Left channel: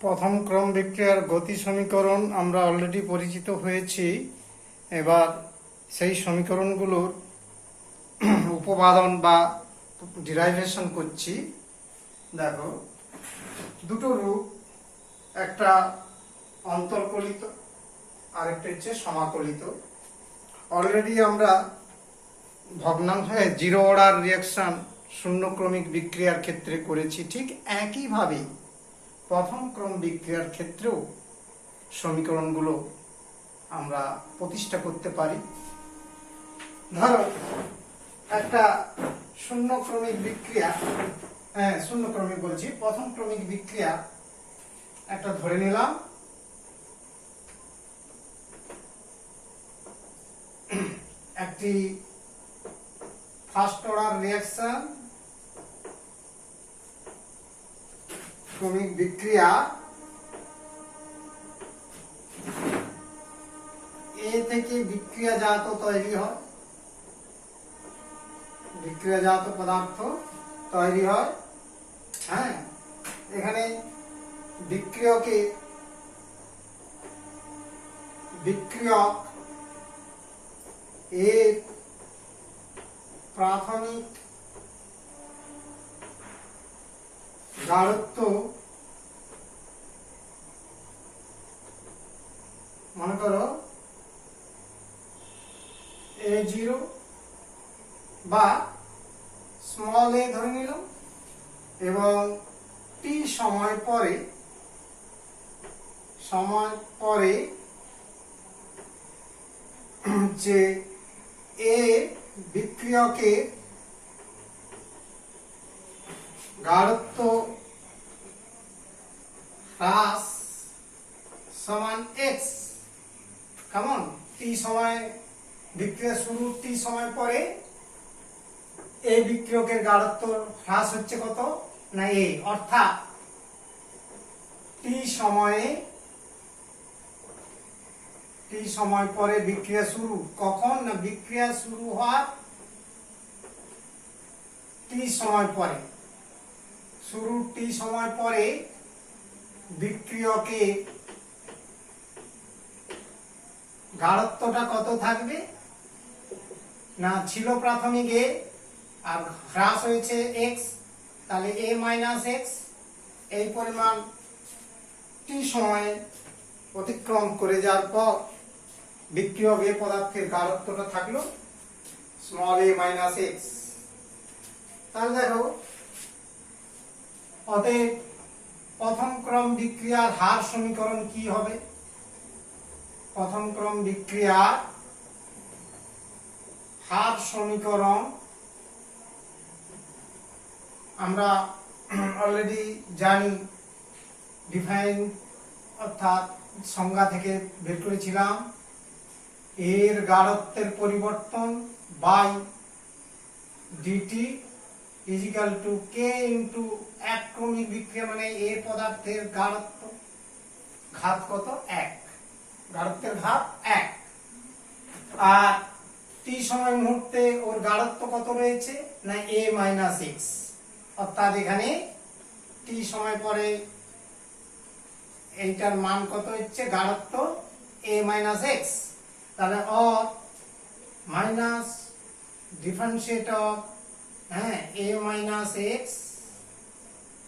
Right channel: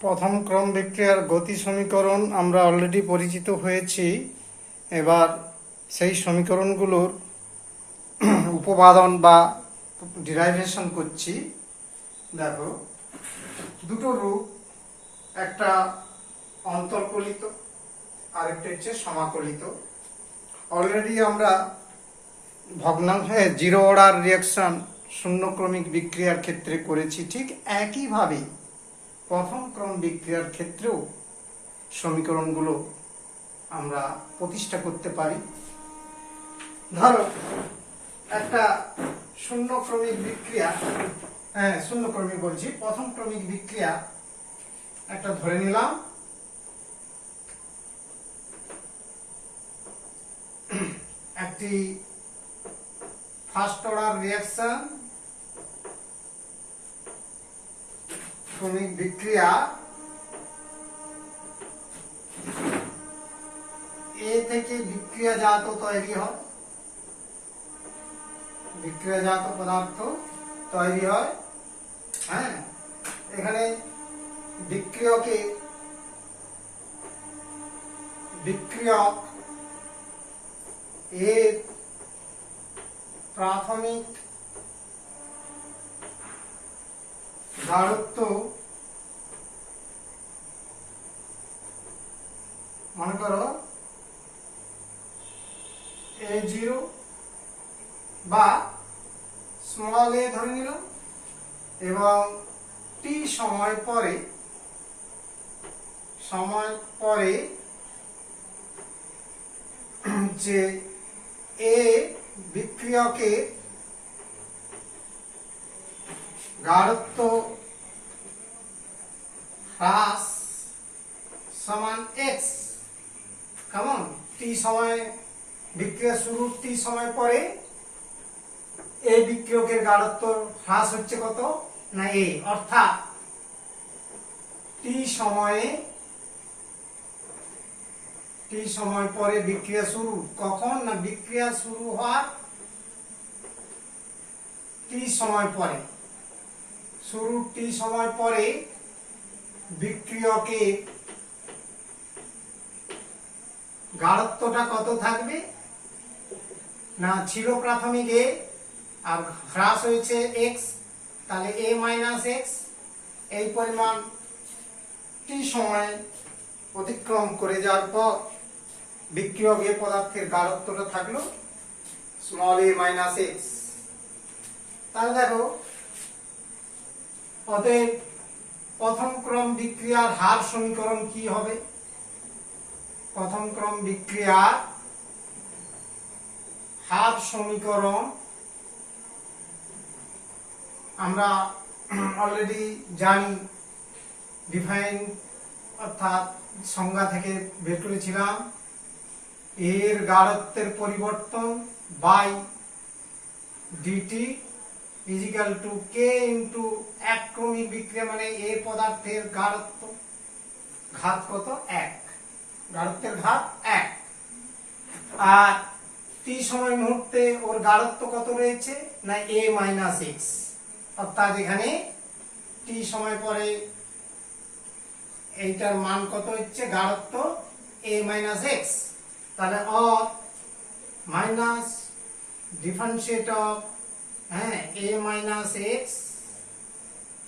প্রথম ক্রম বিক্রিয়ার গতি সমীকরণ আমরা অলরেডি পরিচিত হয়েছি। এবার সেই সমীকরণগুলোর উপপাদন বা ডিরাইভেশন করছি। দেখো, দুটো রূপ, একটা অন্তর্কলিত আর একটা হচ্ছে সমাকলিত। অলরেডি আমরা ভগ্নাংশে জিরো অর্ডার রিয়াকশন শূন্যক্রমিক বিক্রিয়ার ক্ষেত্রে করেছি। ঠিক একইভাবে প্রথম ক্রম বিক্রিয়ার ক্ষেত্রেও সমীকরণগুলো আমরা প্রতিষ্ঠা করতে পারি। ধরো একটা শূন্যক্রমিক বিক্রিয়া, শূন্যক্রমিক বলছি, প্রথম ক্রমিক বিক্রিয়া একটা ধরে নিলাম। একটি ফার্স্ট অর্ডার রিঅ্যাকশন ক্রমিক বিক্রিয়া এ থেকে বিক্রিয়াজাত তৈরি হয়, বিক্রিয়াজাত পদার্থ তৈরি হয়। এখানে বিক্রিয়ক এর প্রাথমিক গাঢ়ত্ব মনে করো A0 বা স্মল a ধরে নিলাম, এবং t সময় পরে যে এ বিক্রিয়কের গাঢ়ত্ব হ্রাস সমান x। কেমন? টি সময় বিক্রিয়া শুরুর টি সময় পরে এই বিক্রিয়কের গাঢ়ত্ব হ্রাস হচ্ছে কত না a, অর্থাৎ টি সময় পরে বিক্রিয়া শুরু। কখন না বিক্রিয়া শুরু হওয়ার টি সময় পরে, শুরুর টি সময় পরে বিক্রিয়কে গাঢ়ত্বটা কত থাকবে না, ছিল প্রাথমিক a আর হ্রাস হয়েছে x, তাহলে a মাইনাস x। এই পরিমাণ টি সময় অতিক্রম করে যাওয়ার পর বিক্রিয়ক এ পদার্থের গাঢ়ত্বটা থাকলো স্মল a মাইনাস x। তাহলে দেখো, অতএব প্রথম ক্রম বিক্রিয়ার হার সমীকরণ কি হবে? প্রথম ক্রম বিক্রিয়ার হার সমীকরণ আমরা অলরেডি জানি, ডিফাইন অর্থাৎ সংজ্ঞা থেকে বের করেছিলাম। এর গাঢ়ত্বের পরিবর্তন by dt equal to k into এক ক্রমিক বিক্রিয়া, মানে এ পদার্থের গাঢ়ত্ব ঘাত কত? 1, গাঢ়ত্বের ঘাত 1। আর টি সময় মুহূর্তে ওর গাঢ়ত্ব কত রয়েছে না a মাইনাস x, অর্থাৎ এখানে টি সময় পরে এইটার মান কত হচ্ছে? গাঢ়ত্ব a মাইনাস x। তাহলে minus differentiate of a minus x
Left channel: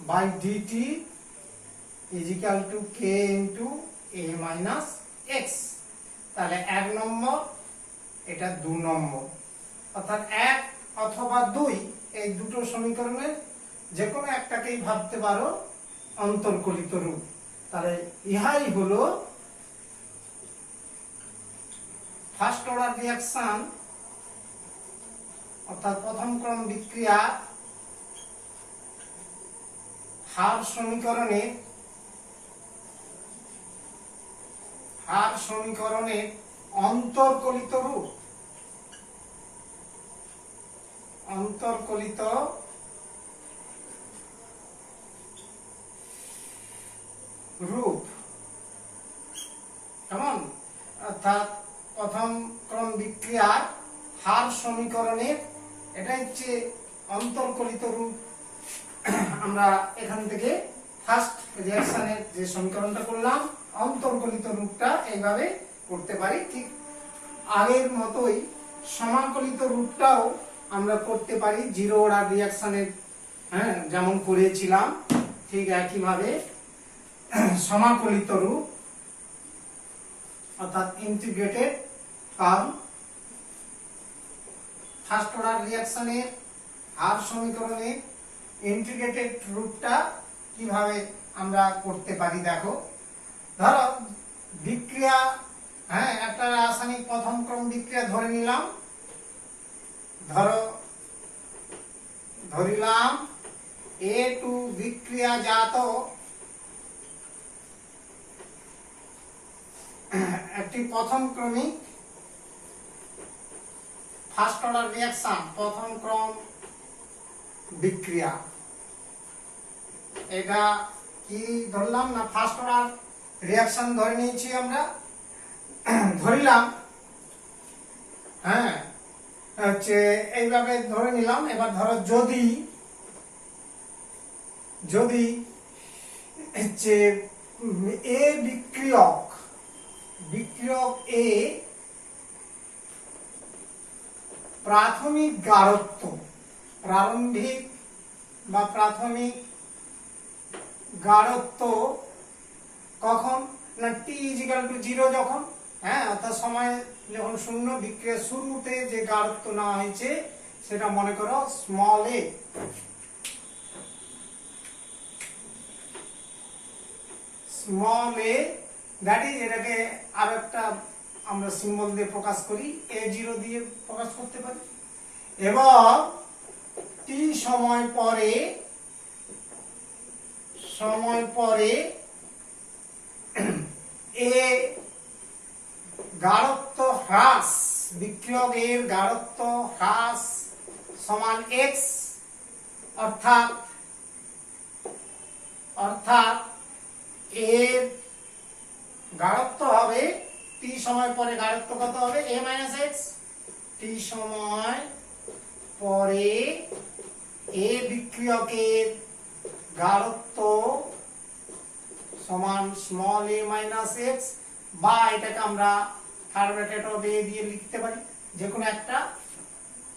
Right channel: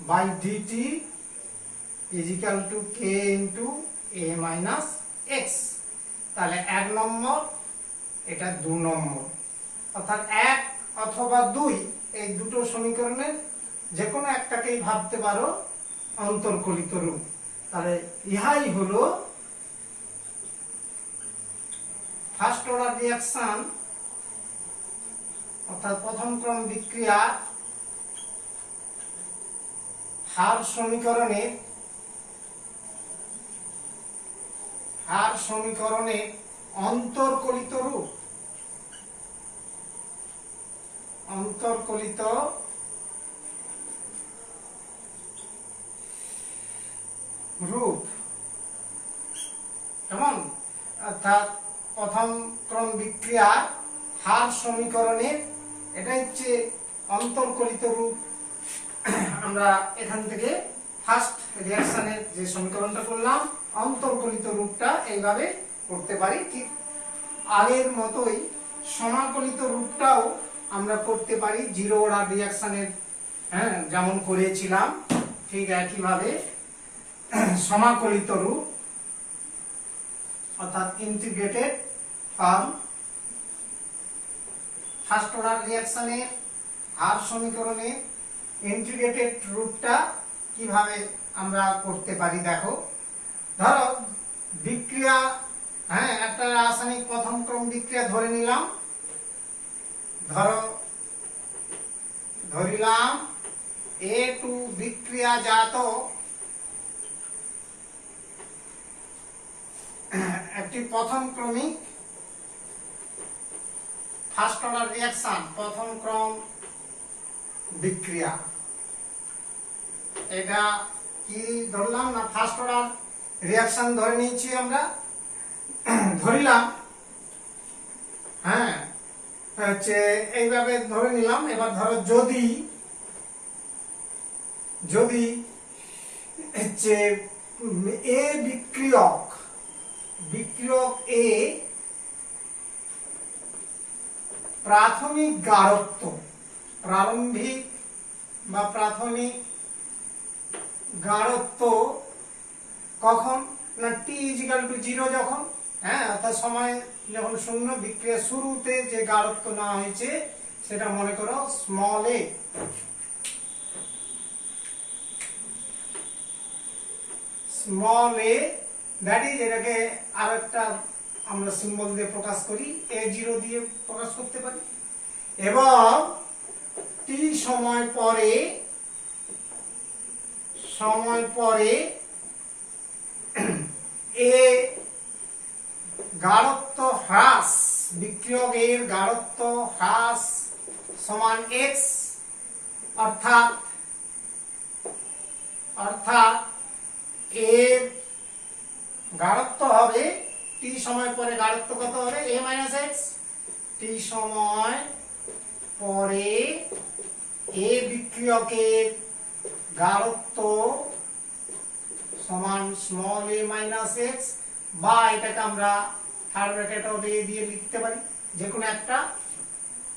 by dt is equal to k into a minus x। তাহলে 1 নম্বর, এটা 2 নম্বর, অর্থাৎ 1 অথবা 2 এই দুটো সমীকরণের যে কোনো একটাকেই ভাবতে পারো অন্তর্কলিত রূপ। তাহলে ইহাই হলো ফার্স্ট অর্ডার রিঅ্যাকশন অর্থাৎ প্রথম ক্রম বিক্রিয়া হার সমীকরণের অন্তর্কলিত রূপ। অন্তর্কলিত রূপ কেমন? অর্থাৎ প্রথম ক্রম বিক্রিয়া হার সমীকরণের এটা হচ্ছে অন্তর্কলিত রূপ। আমরা এখান থেকে ফার্স্ট রিঅ্যাকশনের যে সমীকরণটা করলাম অন্তর্কলিত রূপটা এইভাবে করতে পারি। ঠিক আগের মতোই সমাকলিত রূপটাও আমরা করতে পারি জিরো অর্ডার রিঅ্যাকশনের, হ্যাঁ, যেমন করেছিলাম ঠিক একইভাবে সমাকলিত রূপ অর্থাৎ ইন্টিগ্রেটেড ফর্ম ফার্স্ট অর্ডার রিঅ্যাকশনের হার সমীকরণের ইন্টিগ্রেটেড রূপটা কিভাবে আমরা করতে পারি দেখো। ধরো বিক্রিয়া, হ্যাঁ, একটা রাসায়নিক প্রথম ক্রম বিক্রিয়া ধরে নিলাম, ধরিলাম A2 বিক্রিয়াজাত একটি প্রথম ক্রমিক ফার্স্ট অর্ডার রিঅ্যাকশন, প্রথম ক্রম বিক্রিয়া। এটা কি ধরলাম না ফার্স্ট অর্ডার রিঅ্যাকশন ধরে নিয়েছি আমরা, ধরিলাম, হ্যাঁ, হচ্ছে এইভাবে ধরে নিলাম। এবার ধরো যদি হচ্ছে এ বিক্রিয়ক এ প্রাথমিক গাঢ়ত্ব, প্রারম্ভিক বা প্রাথমিক গাঢ়ত্ব কখন না t=0 যখন, হ্যাঁ, অর্থাৎ সময় যখন শূন্য, বিক্রিয়া শুরুতে যে গাঢ়ত্ব নেওয়া হয়েছে সেটা মনে করো small A. Small A that is, এটাকে আর একটা আমরা সিম্বল দিয়ে প্রকাশ করি, A0 দিয়ে প্রকাশ করতে পারি। এবং t সময় পরে এ গাঢ়ত্ব হ্রাস, বিক্রিয়কের গাঢ়ত্ব হ্রাস সমান x, অর্থাৎ এর গাঢ়ত্ব হবে t সময় পরে, গাঢ়ত্ব কত হবে a - x, t সময় পরে এ বিক্রিয়কের গাঢ়ত্ব সমান স্মল a - x, বা এটাকে আমরা থার্ড ব্র্যাকেট অফ a দিয়ে লিখতে পারি, যে কোনো একটা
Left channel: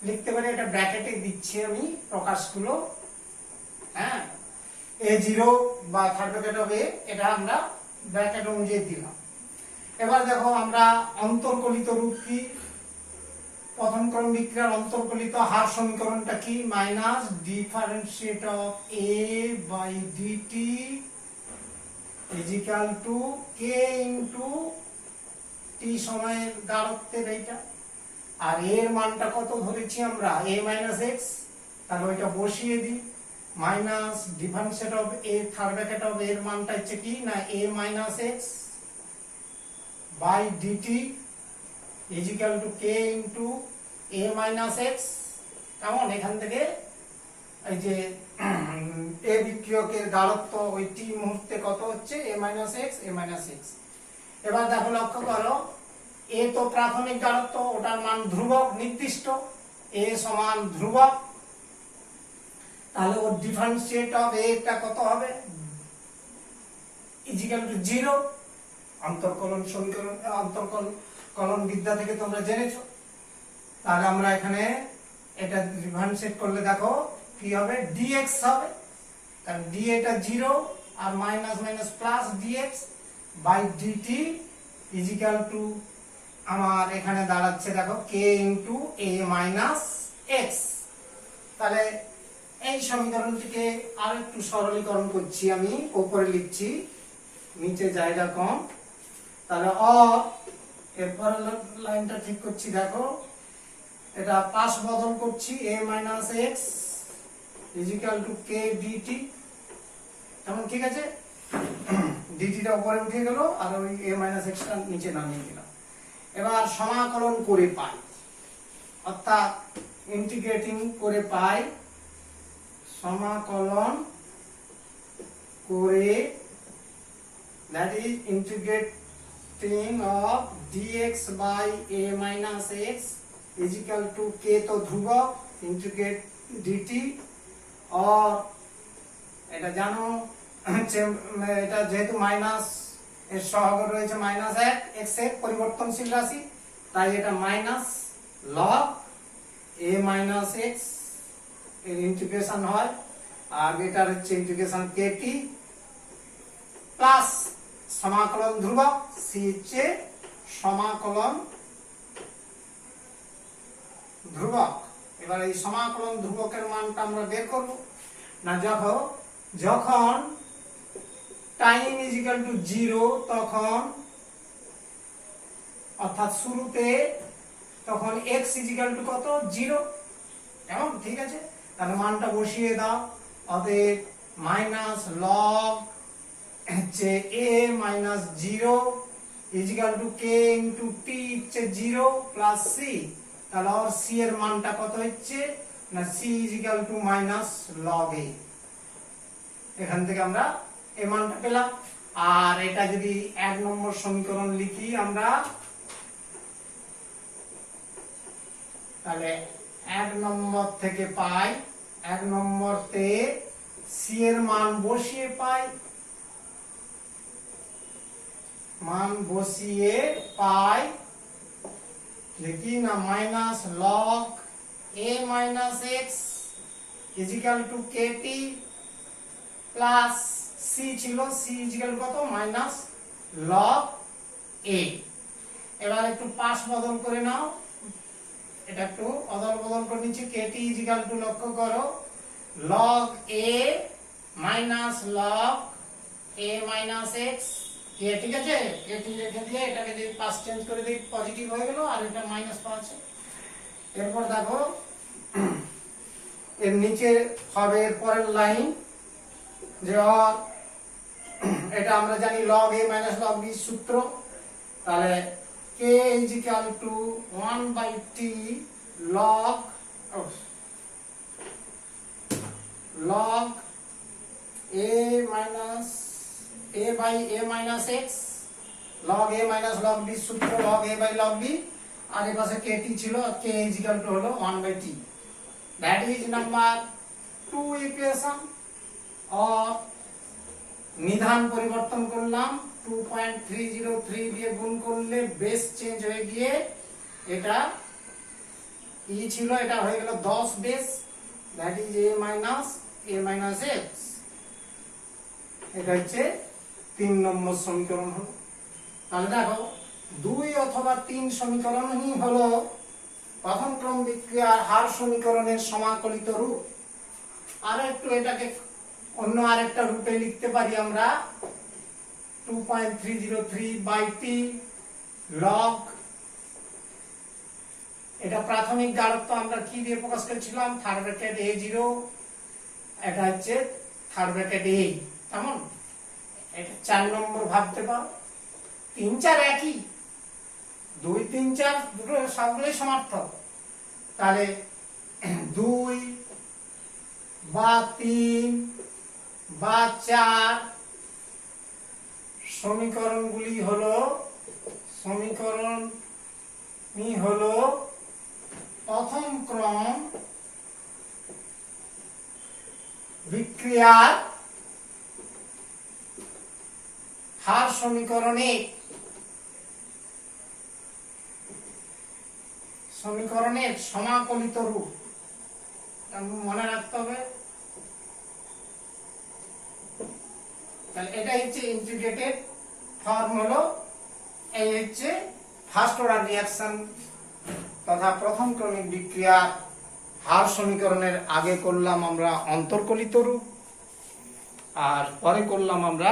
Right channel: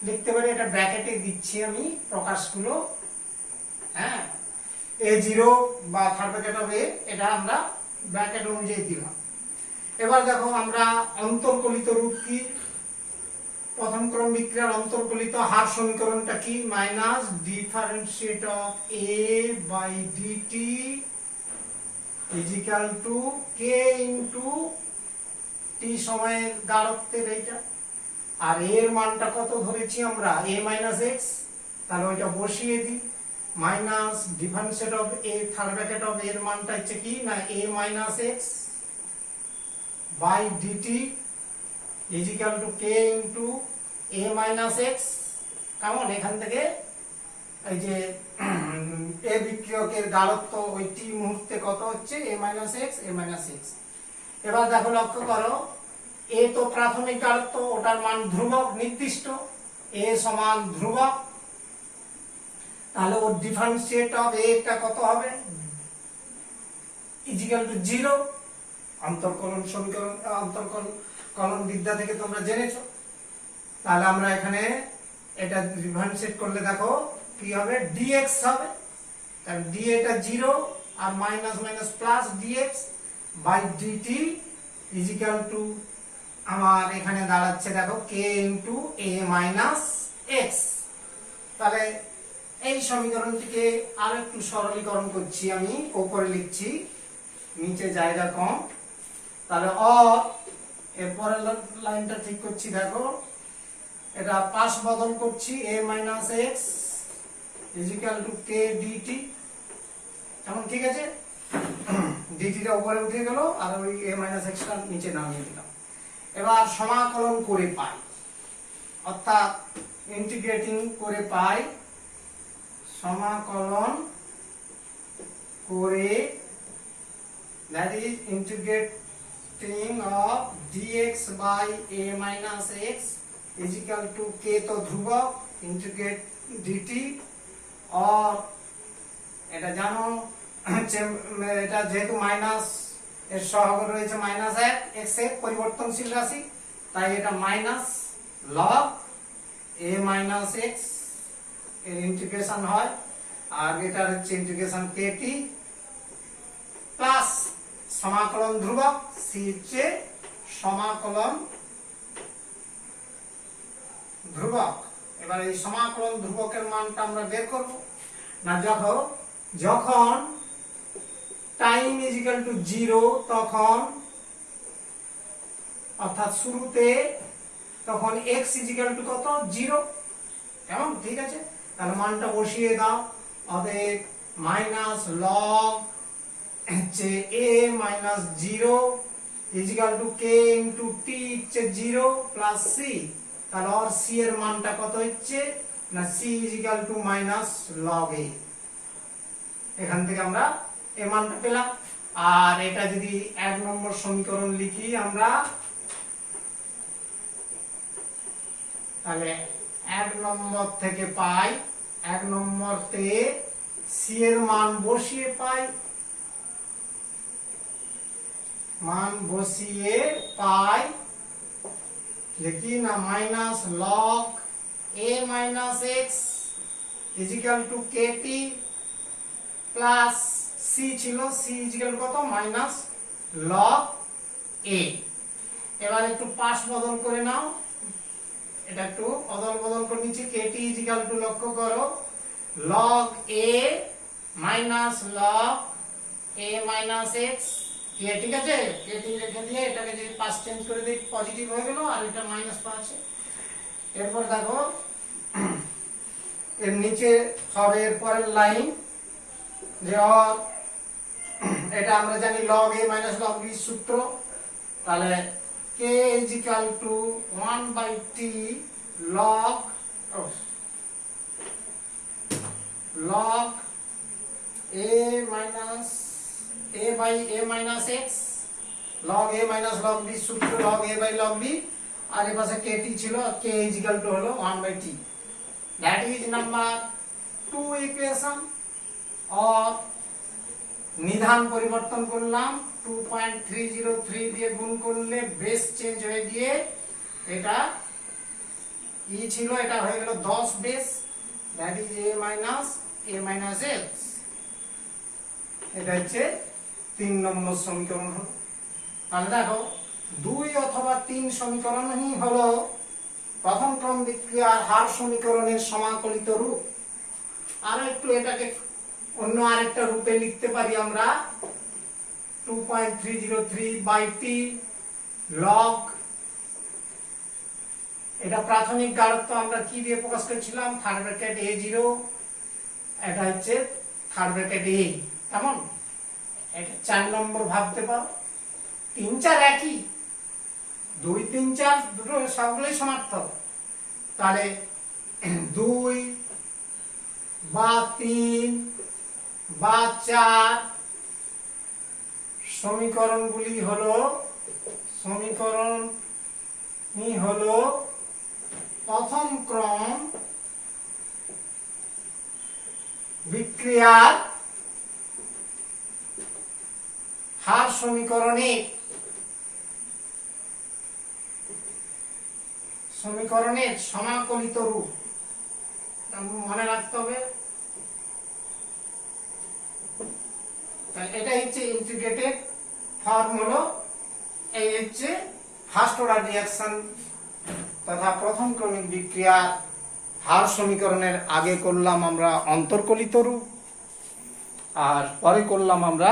লিখতে পারি। এটা ব্র্যাকেটে দিচ্ছি আমি প্রকাশগুলো, হ্যাঁ, A0 বা থার্ড ব্র্যাকেট অফ a, এটা আমরা ব্র্যাকেট অনুযায়ী দিলাম। এবার দেখো আমরা অন্তর্কলিত রূপ কি, প্রথম ক্রম বিক্রিয়ার অন্তর্কলিত হার সমীকরণটা কি, minus differentiate of a by dt is equal to k into t সময়ের গাঢ়ত্বের এইটা, আর এর মানটা কত ধরেছি আমরা a - x, তাহলে ওইটা বসিয়ে দিই, minus differentiate of a third bracket of এর মানটা হচ্ছে কি না a - x by dt is equal to k into a - x। কেমন, এখান থেকে এই যে এ বিক্রিয়কের গাঢ়ত্ব ওই t মুহূর্তে কত হচ্ছে a - x। এবার দেখো লক্ষ্য করো, a তো প্রাথমিক গাঢ়ত্ব, ওটার মান ধ্রুবক নির্দিষ্ট, a সমান ধ্রুবক, তাহলে ওর ডিফারেন্সিয়েট অফ a টা কত হবে ইজিক্যাল টু 0। অন্তর্কলন সমীকরণ, অন্তর্কলন বিদ্যা থেকে তোমরা জেনেছো। তাহলে আমরা এখানে এটা ডিফারেন্সিয়েট করলে দেখো কি হবে, dx হবে, তাহলে d এটা 0 আর minus minus plus dx by dt is equal to আমার এখানে দাঁড়াচ্ছে দেখো k ইনটু a - x। তাহলে এই সমীকরণটিকে আর একটু সরলীকরণ করছি, আমি উপরে লিখছি, নিচে জায়গা কম। তাহলে এরপরের লাইনটা ঠিক করছি, দেখো এটা পাশ বদল করছি, a - x equal to k dt, কেমন, ঠিক আছে, dt টা উপরে উঠে গেল আর ওই a - x টা নিচে নামিয়ে দিলাম। এবার সমাকলন করে পাই, অর্থাৎ ইন্টিগ্রেটিং করে পাই, সমাকলন করে, that is integrating of dx by a - x is equal to k তো ধ্রুবক, integrate dt, और এটা জানো এটা যেহেতু মাইনাস এর সহগ রয়েছে -1 x এর পরিবর্তনশীল রাশি, তাই এটা minus log a minus x এর ইন্টিগ্রেশন হয়, আর এটার হচ্ছে ইন্টিগ্রেশন kt প্লাস সমাকলন ধ্রুবক c হচ্ছে সমাকলন ধ্রুবক। এবার এই সমাকলন ধ্রুবকের মানটা আমরা বের করব না, যখন টাইম ইজ ইকুয়াল টু 0 তখন, অর্থাৎ শুরুতে, তখন x ইজ ইকুয়াল টু কত, 0। কেমন? ঠিক আছে, তাহলে মানটা বসিয়ে দাও। অতএব মাইনাস লগ হচ্ছে a minus 0 is equal to k into t হচ্ছে 0 প্লাস c। তাহলে আর c এর মানটা কত হচ্ছে না, c is equal two minus log a। এখান থেকে আমরা এই মানটা পেলাম। আর এটা যদি 1 নম্বর সমীকরণ লিখি আমরা, তাহলে 1 নম্বর থেকে পাই, 1 নম্বরতে c এর মান বসিয়ে পাই, লিখি না minus log a minus x is equal two kt plus c ছিল, c ইজ ইকুয়াল কত, মাইনাস লগ a। এবার একটু পাশ বদল করে নাও, এটা একটু অদল বদল করে নিচ্ছি। kt ইজ ইকুয়াল টু, লক্ষ্য করো, log a minus log a minus x। ঠিক আছে, kt রেখে দিয়ে এটাকে যদি পাশ চেঞ্জ করে দিই পজিটিভ হয়ে গেল, আর এটা মাইনাস পাচ্ছে। এরপর দেখো এর নিচে হবে এর পরের লাইন, যে এটা আমরা জানি log a minus log b সূত্র। তাহলে k is equal to 1/t log a minus a by a minus x, log a minus log b সূত্র log a by log b, আর এর পাশে kt ছিল, k is equal to হলো 1/t। that is number 2 equation। और নিধান পরিবর্তন করলাম, 2.303 দিয়ে গুণ করলে বেস চেঞ্জ হয়ে গিয়ে এটা ই ছিল, এটা হয়ে গেল 10 base, that is a minus x। এটা হচ্ছে 3 নম্বর সমীকরণ হলো। তাহলে দেখো 2 অথবা 3 সমীকরণই হলো প্রথম ক্রম বিক্রিয়ার হার সমীকরণের সমাকলিত রূপ। আর একটু এটাকে অন্য আরেকটা রূপে লিখতে পারি আমরা, 2.303/t log, এটা প্রাথমিক গাঢ়ত্ব আমরা কি দিয়ে প্রকাশ করেছিলাম, থার্ড ব্র্যাকেট a0, এটা হচ্ছে থার্ড ব্র্যাকেট a। কেমন? এটা 4 নম্বর ভাবতে পারো। 3 4 একই, 2 3 4 দুটো সবগুলোই সমার্থক। তাহলে 2 বা 3 বা 4 সমীকরণগুলি হলো প্রথম ক্রম বিক্রিয়ার হার সমীকরণের সমাকলিত রূপ। মনে রাখতে হবে। এটা হচ্ছে ইন্টিগ্রেটেড ফর্ম, হলো এই হচ্ছে ফার্স্ট অর্ডার রিঅ্যাকশন তথা প্রথম ক্রমিক বিক্রিয়ার হার সমীকরণের আগে করলাম আমরা অন্তর্কলিত রূপ, আর পরে করলাম আমরা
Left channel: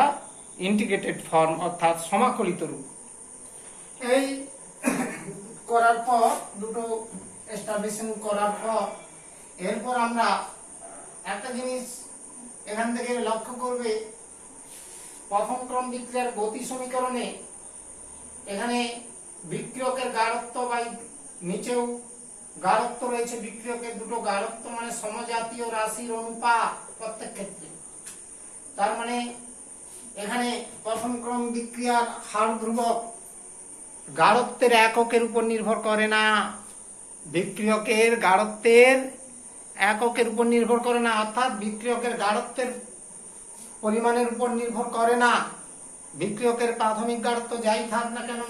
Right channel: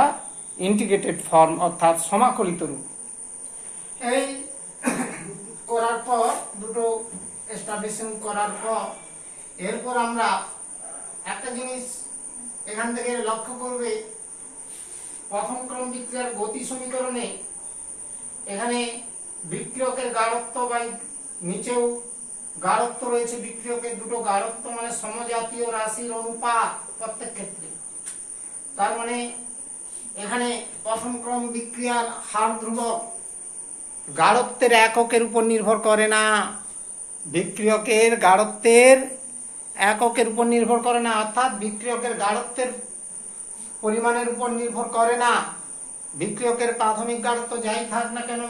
ইন্টিগ্রেটেড ফর্ম অর্থাৎ সমাকলিত রূপ। এই করার পর, দুটো এস্টাবলিশিং করার পর, এরপর আমরা একটা জিনিস এখান থেকে লক্ষ্য করবে, প্রথম ক্রম বিক্রিয়ার গতি সমীকরণে এখানে বিক্রিয়কের গাঢ়ত্ব বা নিচেও গাঢ়ত্ব রয়েছে, বিক্রিয়কের দুটো গাঢ়ত্ব মানে সমজাতীয় রাশির অনুপাত প্রত্যেক ক্ষেত্রে। তার মানে এখানে প্রথম ক্রম বিক্রিয়ার হার ধ্রুবক গাঢ়ত্বের এককের উপর নির্ভর করে না, বিক্রিয়কের গাঢ়ত্বের এককের উপর নির্ভর করে না, অর্থাৎ বিক্রিয়কের গাঢ়ত্বের পরিমাণের উপর নির্ভর করে না। বিক্রিয়কের প্রাথমিক গাঢ়ত্ব যাই থাক না কেন,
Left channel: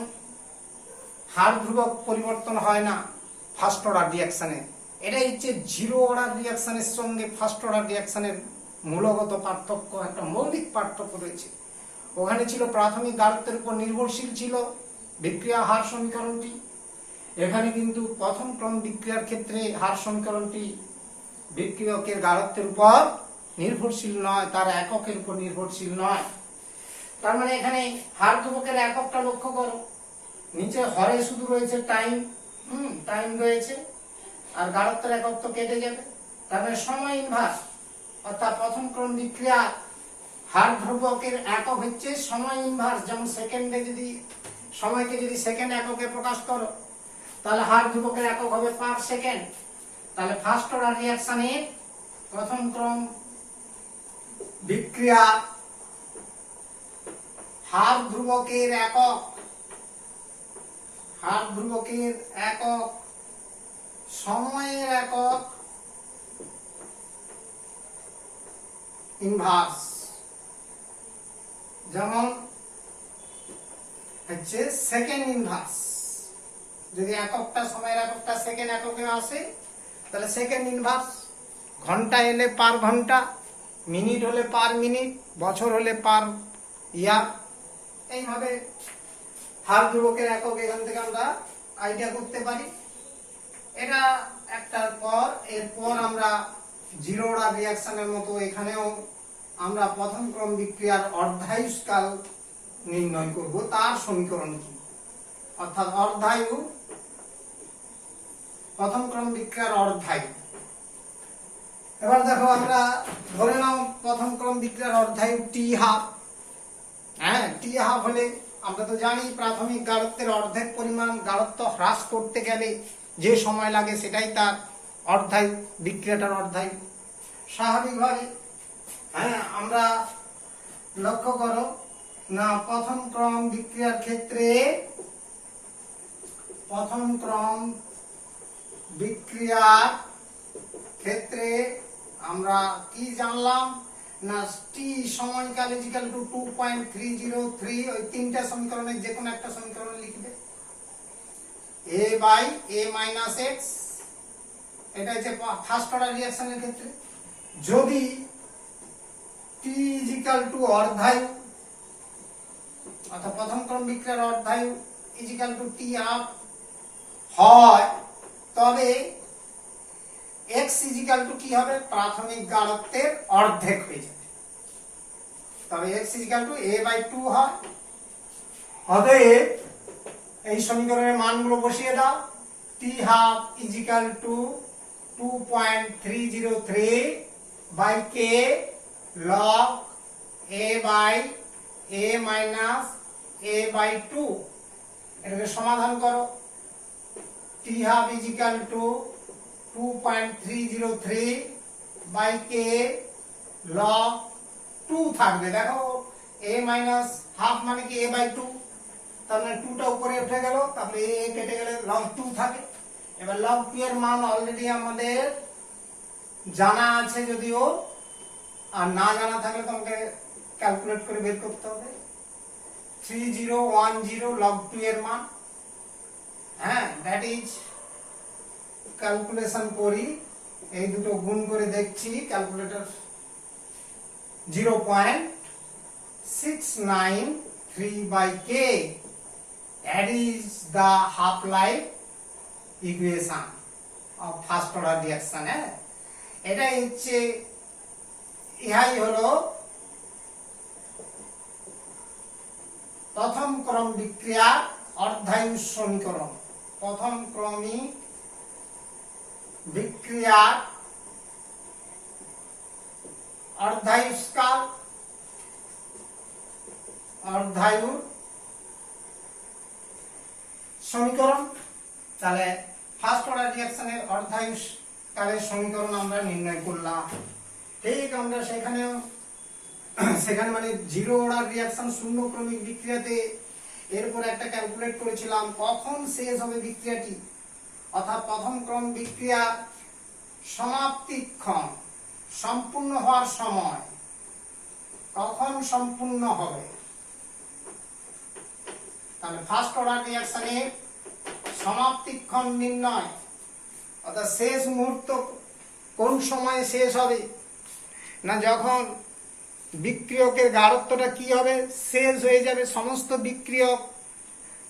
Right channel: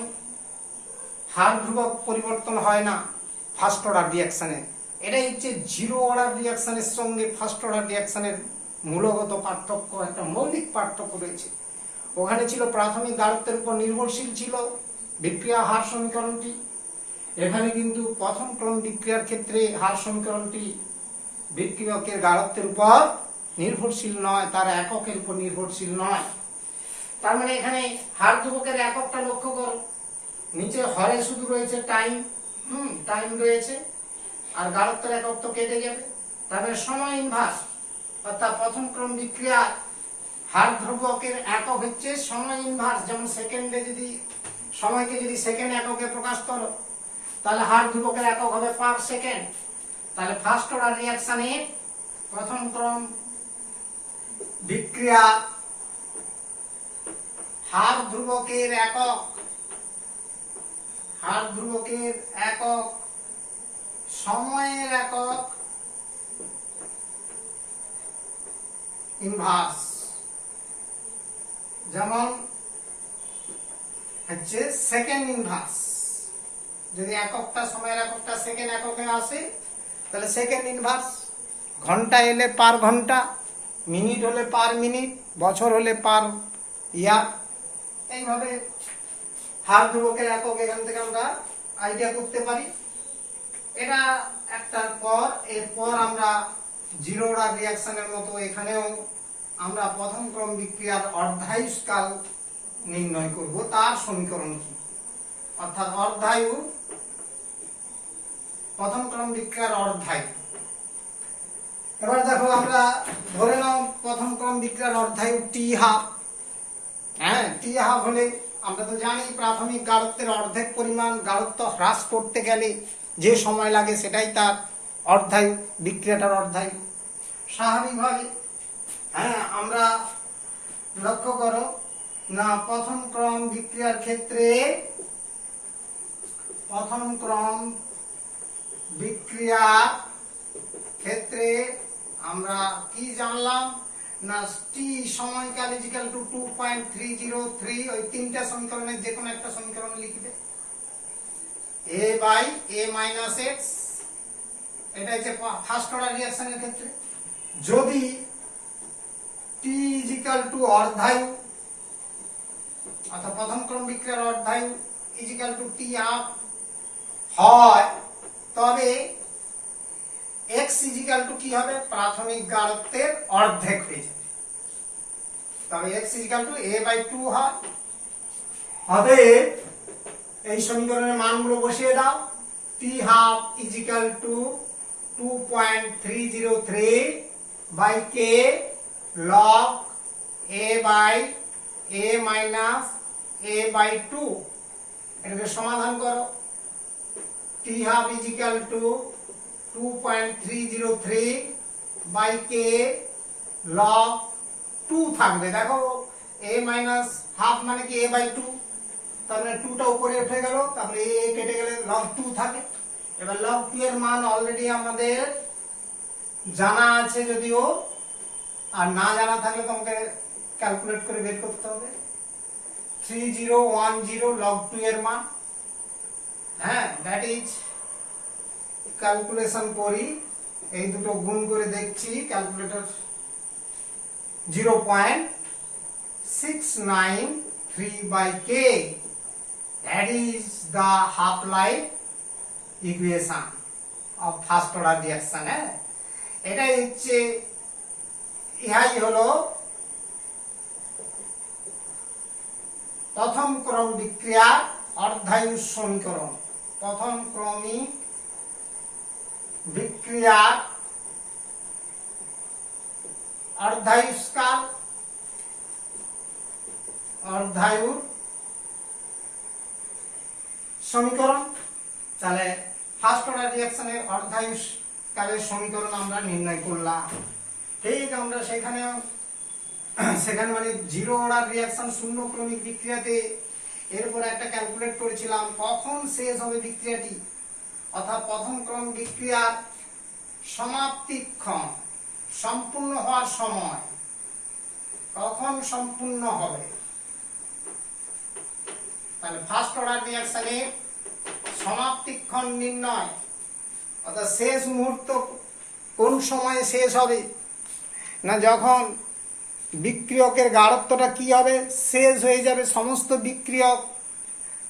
হার ধ্রুবক পরিবর্তন হয় না ফার্স্ট অর্ডার রিয়াকশনে। এটাই হচ্ছে জিরো অর্ডার রিয়াকশনের সঙ্গে ফার্স্ট অর্ডার রিয়াকশনের মূলগত পার্থক্য, একটা মৌলিক পার্থক্য রয়েছে। ওখানে ছিল প্রাথমিক গাঢ়ত্বের উপর নির্ভরশীল ছিল বিক্রিয়া হার সমীকরণটি, এখানে কিন্তু প্রথম ক্রম বিক্রিয়ার ক্ষেত্রে হার সমীকরণটি বিক্রিয়কের গাঢ়ত্বের উপর নির্ভরশীল নয়, তার এককের উপর নির্ভরশীল নয়। তার মানে এখানে হার ধ্রুবকের এককটা লক্ষ্য করো, নিচে হরে শুধু রয়েছে টাইম, টাইম রয়েছে, আর গাঢ়ত্বের একক তো কেটে যাবে। তার মানে সময় ইনভার্স, অর্থাৎ প্রথম ক্রম বিক্রিয়া হার ধ্রুবকের একক হচ্ছে সময় ইনভার্স। যেমন সেকেন্ডে যদি সময়কে যদি সেকেন্ড এককে প্রকাশ করো, তাহলে হার ধ্রুবকের একক হবে পার সেকেন্ড। তাহলে ফার্স্ট অর্ডার রিয়াকশনে প্রথম ক্রম বিক্রিয়া হার ধ্রুবকের একক, হার ধ্রুবকের একক সময়ের একক ইনভার্স। যেমন হচ্ছে সেকেন্ড ইনভার্স, যদি এককটা সময়ের এককটা সেকেন্ড এককে আসে তাহলে সেকেন্ড ইনভার্স। ঘন্টা এলে পার ঘন্টা, মিনিট হলে পার মিনিট, বছর হলে পার ইয়ার। এইভাবে হার ধ্রুবকের একক এখান থেকে আমরা আইডিয়া করতে পারি। এটা একটার পর, এরপর আমরা জিরো অর্ডার রিয়াকশনের মতো এখানেও আমরা প্রথম ক্রম বিক্রিয়ার অর্ধায়ুষ্কাল নির্ণয় করব, তার সমীকরণ কি, অর্থাৎ অর্ধায়ু, প্রথম ক্রম বিক্রিয়ার অর্ধায়ু। এবার দেখো আমরা ধরে নাও প্রথম ক্রম বিক্রিয়ার অর্ধায়ু টি হাফ। হ্যাঁ, টি হাফ হলে আমরা তো জানি প্রাথমিক গাঢ়ত্বের অর্ধেক পরিমাণ গাঢ়ত্ব হ্রাস করতে গেলে যে সময় লাগে সেটাই তার অর্ধায়ু, বিক্রিয়াটার অর্ধায়ু। স্বাভাবিকভাবে হ্যাঁ আমরা লক্ষ্য করো না, প্রথম ক্রম বিক্রিয়ার ক্ষেত্রে প্রথম ক্রম বিক্রিয়ার ক্ষেত্রে আমরা কি জানলাম না, টি সময়কাল ইজিক্যাল টু 2.303, ওই তিনটা সমীকরণের যে কোনো একটা সমীকরণ লিখবে, a by a minus x। এটা হচ্ছে ফার্স্ট অর্ডার রিঅ্যাকশনের ক্ষেত্রে। যদি t ইজিক্যাল টু অর্ধায়ু, অর্থাৎ প্রথম ক্রম বিক্রিয়ার অর্ধায়ু ইজিক্যাল টু টি হাফ হয়, তবে x ইজিক্যাল টু কি হবে, প্রাথমিক গাঢ়ত্বের অর্ধেক হয়ে যাবে, তবে x equal to a by 2 হয়। অতএব এই সমীকরণের মানগুলো বসিয়ে দাও, t half equal to 2.303 by k log a by a minus a by 2। এটাকে সমাধান করো, t half equal to 2.303 by k log 2 থাকবে। দেখো a মাইনাস হাফ মানে কি a বাই 2, তার মানে 2টা উপরে উঠে গেল, তারপরে a কেটে গেলে log 2 থাকে। এবার log 2 এর মান অলরেডি আমাদের জানা আছে, যদিও আর না জানা থাকলে তোমাকে ক্যালকুলেট করে বের করতে হবে। 3010 log 2 এর মান। হ্যাঁ, দ্যাট ইজ, ক্যালকুলেশন করি, এই দুটো গুণ করে দেখছি, calculator 0.693 by k, that is the half life equation of first order reaction। হ্যাঁ, এটাই হচ্ছে, ইহাই হলো প্রথম ক্রম বিক্রিয়ার অর্ধায়ু সমীকরণ। প্রথম ক্রমিক বিক্রিয়ার অর্ধায়ুষ্কাল, অর্ধায়ু সমীকরণ। তাহলে ফার্স্ট অর্ডার রিঅ্যাকশনের অর্ধায়ুষ্কালের সমীকরণ আমরা নির্ণয় করলাম। ঠিক আমরা সেখানে মানে জিরো অর্ডার রিঅ্যাকশন শূন্য ক্রমিক বিক্রিয়াতে এরপর একটা ক্যালকুলেট করেছিলাম কখন শেষ হবে বিক্রিয়াটি, অর্থাৎ প্রথম ক্রম বিক্রিয়ার সমাপ্তিক্ষণ, সম্পূর্ণ হওয়ার সময় কখন সম্পূর্ণ হবে, তাহলে ফার্স্ট অর্ডার রিঅ্যাকশনের সমাপ্তিক্ষণ নির্ণয়, অর্থাৎ শেষ মুহূর্ত কোন সময়ে শেষ হবে, না যখন বিক্রিয়কের গাঢ়ত্বটা কি হবে, শেষ হয়ে যাবে, সমস্ত বিক্রিয়ক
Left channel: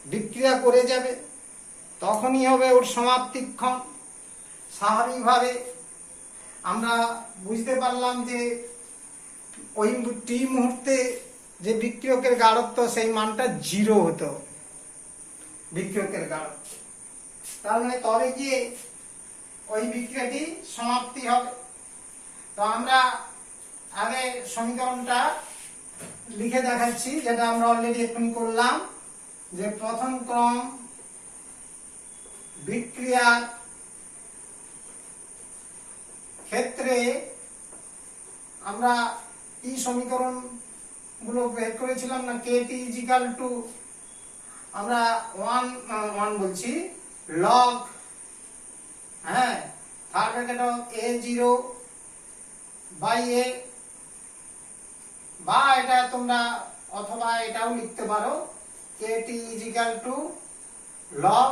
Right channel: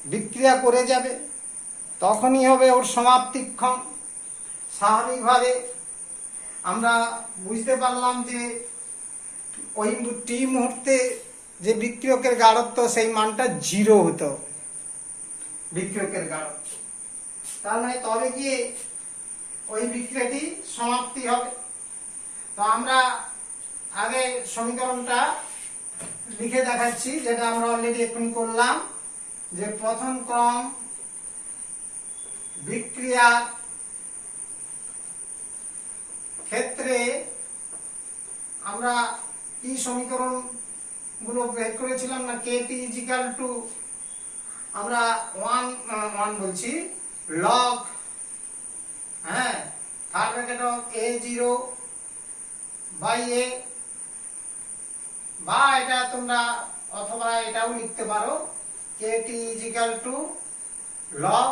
বিক্রিয়া করে যাবে, তখনই হবে ওর সমাপ্তিক্ষণ। স্বাভাবিকভাবে আমরা বুঝতে পারলাম যে ওই টি মুহূর্তে যে বিক্রিয়কের গাঢ়ত্ব সেই মানটা 0 হতো, বিক্রিয়কের গাঢ়ত্ব, তার মানে তবে গিয়ে ওই বিক্রিয়াটি সমাপ্তি হবে। তো আমরা আগে সমীকরণটা লিখে দেখাচ্ছি, যেটা আমরা অলরেডি এখন করলাম, যে প্রথম ক্রম বিক্রিয়ার ক্ষেত্রে আমরা কি সমীকরণ গুলো বের করেছিলাম, না kt ইজিক্যাল টু আমরা 1 বলছি লগ, হ্যাঁ, third bracket of a0 by a, বা এটা তোমরা অথবা এটাও লিখতে পারো kt ইজিক্যাল টু লগ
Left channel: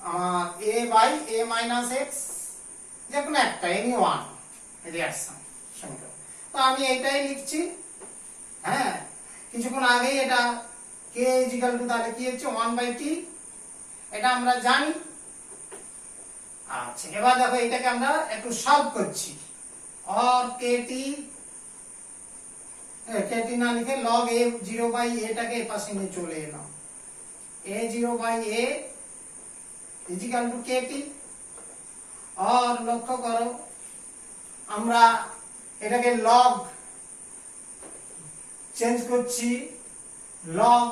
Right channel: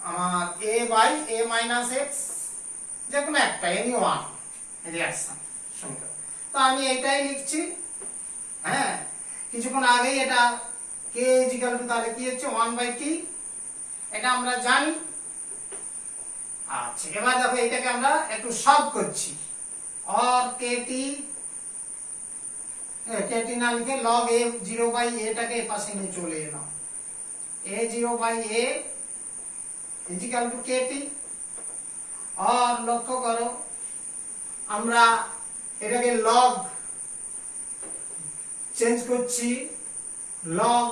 আমার a by a minus x, যে কোনো একটা, এনি ওয়ান রিঅ্যাকশন সমীকরণ। তো আমি এইটাই লিখছি, হ্যাঁ, কিছুক্ষণ আগেই এটা k ইজিক্যাল টু তাহলে কি হচ্ছে 1/t, এটা আমরা জানি। আচ্ছা, এবার দেখো এটাকে আমরা একটু সলভ করছি, और kt না লিখে log a0/a টাকে পাশে নিয়ে চলে এলাম, a0/a ইজিক্যাল টু kt, और লক্ষ্য করো আমরা এটাকে log চেঞ্জ করছি, log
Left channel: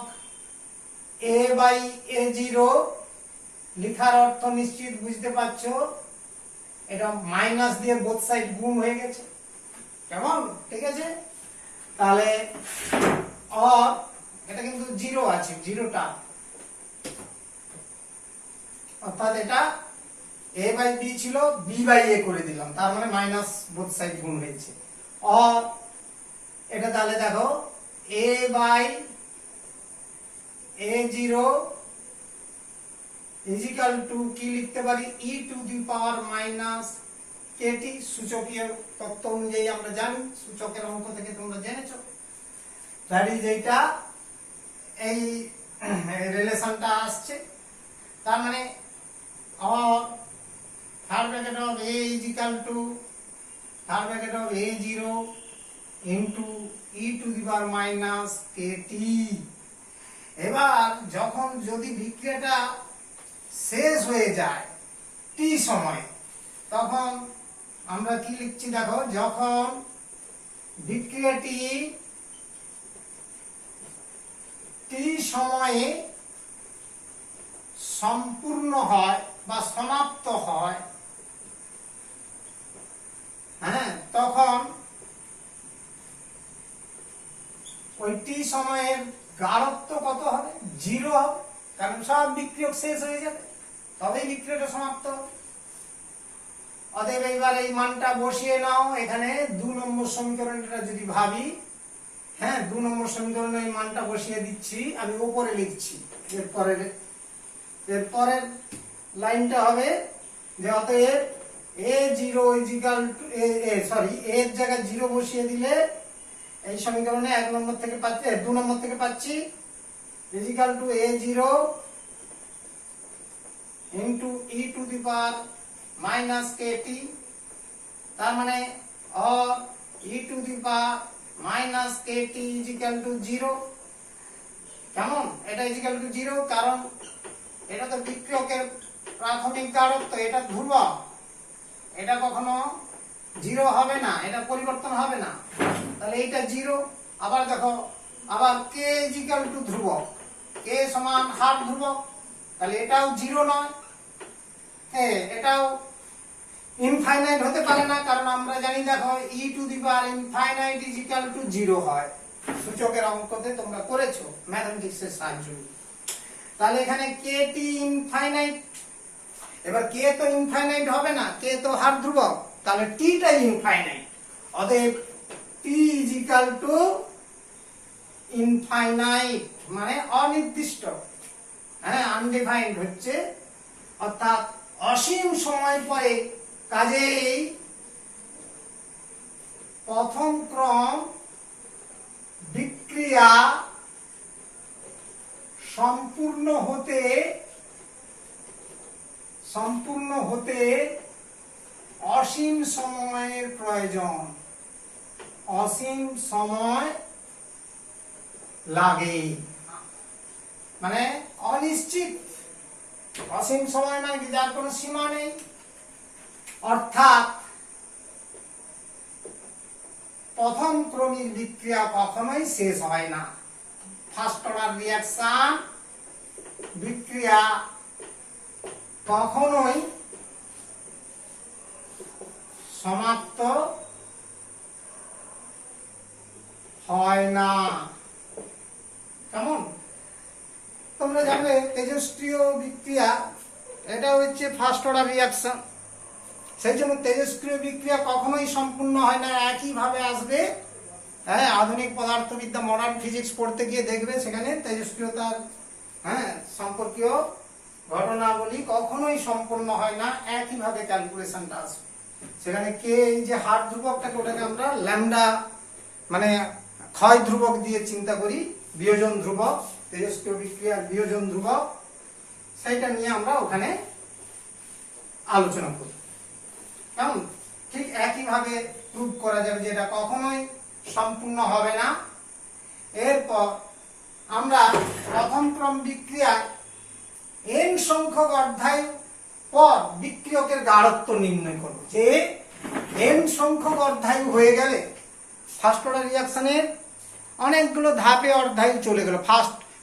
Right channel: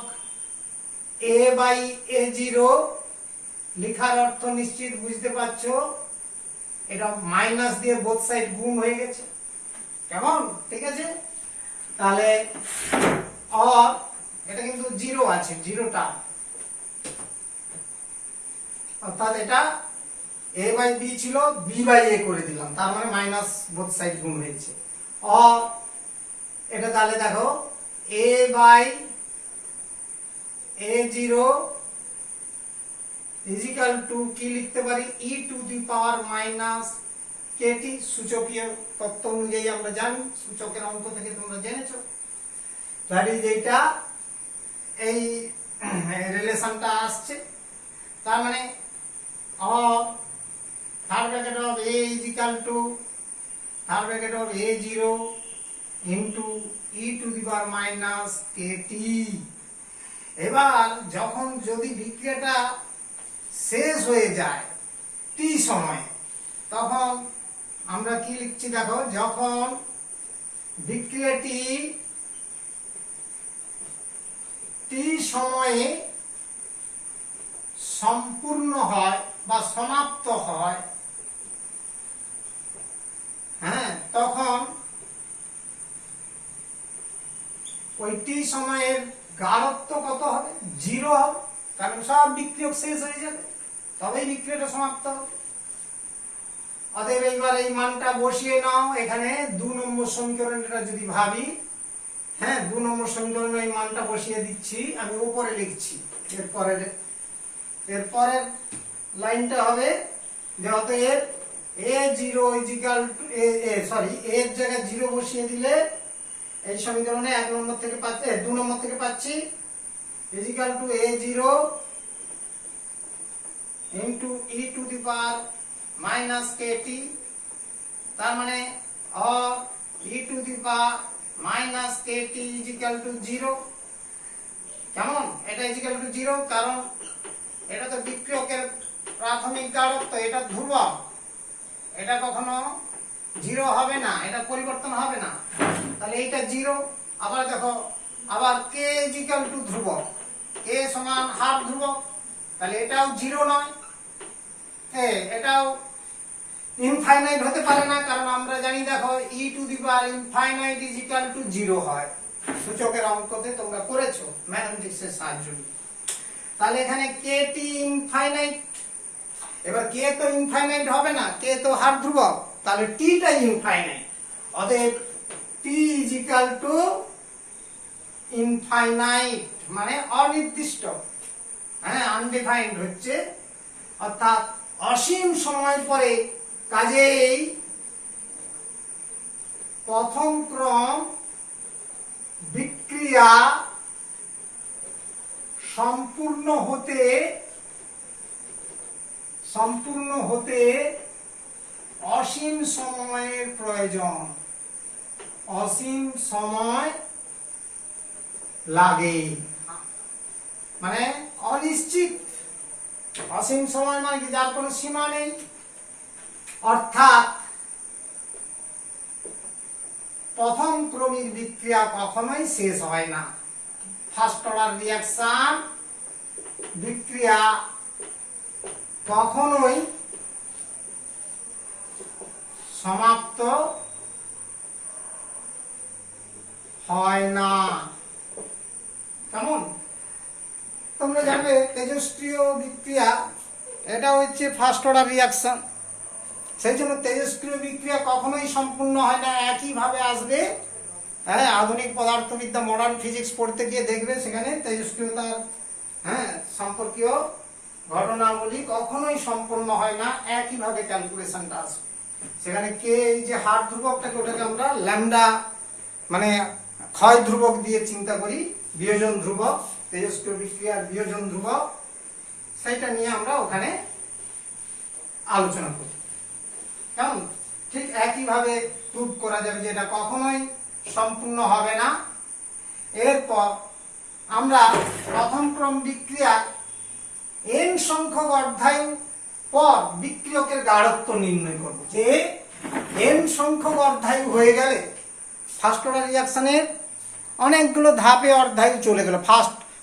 a/a0 লিখার অর্থ নিশ্চিত বুঝতে পারছো, এটা মাইনাস দিয়ে বোথ সাইড গুণ হয়ে গেছে, কেমন, ঠিক আছে। তাহলে और এটা কিন্তু 0 আছে, 0টা, অর্থাৎ এটা a/b ছিল b/a করে দিলাম, তার মানে মাইনাস বোথ সাইড গুণ হয়েছে। और এটা তাহলে দেখো a/a0 ইজিক্যাল টু কি লিখতে পারি, e to the power minus kt, সূচকীয় তত্ত্ব অনুযায়ী আমরা জানি, সূচকের অঙ্ক থেকে তোমরা জেনেছো, দ্যাট ইজ এইটা, এই রিলেশনটা আসছে। তার মানে और third bracket of a equal to third bracket of a0 into e to the power minus kt। এবার যখন যদি বিক্রিয়াটা শেষ হয়ে যায় t সময়ে, তখন আমরা কি লিখছি দেখো, যখন বিক্রিয়াটি t সময়ে সম্পূর্ণ হয় বা সমাপ্ত হয়, হ্যাঁ, তখন ওই t সময়ের গাঢ়ত্ব কত হবে, 0 হবে, কারণ সব বিক্রিয়ক শেষ হয়ে যাবে, তবেই বিক্রিয়াটা সমাপ্ত হবে। অতএব এবার এই মানটা বসিয়ে নাও এখানে 2 নম্বর সমীকরণটা যদি ভাবি, হ্যাঁ, 2 নম্বর সমীকরণে এই মানটা বসিয়ে দিচ্ছি, আমি উপরে লিখছি, এরপরের লাইনটা হবে যে অতএব a0 is equal two sorry a এর জায়গায় 0 বসিয়ে দিলে এই সমীকরণে 1 নম্বর থেকে পাচ্ছি, 2 নম্বর থেকে পাচ্ছি equal to a0 into e to the power minus kt, তার মানে और e to the power minus kt equal to 0, কেমন, এটা ইজিক্যাল টু 0, কারণ এটা তো বিক্রিয়কের প্রাথমিক গাঢ়ত্ব, এটা ধ্রুবক, এটা কখনো 0 হবে না, এটা পরিবর্তন হবে না, তাহলে এটা 0। আবার দেখো, আবার k ইজিক্যাল টু ধ্রুবক, k সমান হাফ ধ্রুবক, তাহলে এটাও 0 নয়, এটাও ইনফাইনাইট হতে পারে না, কারণ আমরা জানি দেখো e to the power infinite equal to 0 হয়, সূচকের অঙ্কতে তোমরা করেছো ম্যাথমেটিক্সের সাহায্যে। তাহলে এখানে kt ইনফাইনাইট, এবার k তো ইনফাইনাইট হবে না, k তো হাফ ধ্রুবক, তাহলে t টা ইনফাইনাইট, অতএব t T is equal to infinite, মানে অনির্দিষ্ট, হ্যাঁ আনডিফাইন্ড হচ্ছে, অর্থাৎ অসীম সময় পরে। কাজেই প্রথম ক্রম বিক্রিয়া সম্পূর্ণ হতে অসীম সময়ের প্রয়োজন, অসীম সময় লাগে, মানে অনিশ্চিত। অসীম সময় মানে কি, যার কোনো সীমা নেই। অর্থাৎ প্রথম ক্রমিক বিক্রিয়া কখনোই শেষ হয় না। ফার্স্ট অর্ডার রিঅ্যাকশন বিক্রিয়া কখনোই সমাপ্ত হয় না। কেমন? তোমরা জানবে তেজস্ক্রিয় বিক্রিয়া, এটা হচ্ছে ফার্স্ট অর্ডার রিঅ্যাকশন। সেই জন্য তেজস্ক্রিয় বিক্রিয়া কখনোই সম্পূর্ণ হয় না, একইভাবে আসবে। হ্যাঁ, আধুনিক পদার্থবিদ্যা মডার্ন ফিজিক্স পড়তে গিয়ে দেখবে সেখানে তেজস্ক্রিয়তার সম্পর্কীয় ঘটনাবলী কখনোই সম্পূর্ণ হয় না, একইভাবে ক্যালকুলেশনটা আসবে। সেখানে কে, এই যে হার ধ্রুবকটাকে, ওটাকে আমরা ল্যামডা মানে ক্ষয় ধ্রুবক দিয়ে চিন্তা করি, বিয়োজন ধ্রুবক, তেজস্ক্রিয় বিক্রিয়ার বিয়োজন ধ্রুবক, সেইটা নিয়ে আমরা ওখানে আলোচনা করি। কেমন? ঠিক একইভাবে প্রুভ করা যাবে যে এটা কখনোই সম্পূর্ণ হবে না। এরপর আমরা প্রথম ক্রম বিক্রিয়া n সংখ্যক অধ্যায় পর বিক্রিয়কের গাঢ়ত্ব নির্ণয় করব। যে n সংখ্যক অধ্যায় হয়ে গেলে ফার্স্ট অর্ডার রিঅ্যাকশনের অনেকগুলো ধাপে অধ্যায় চলে গেল।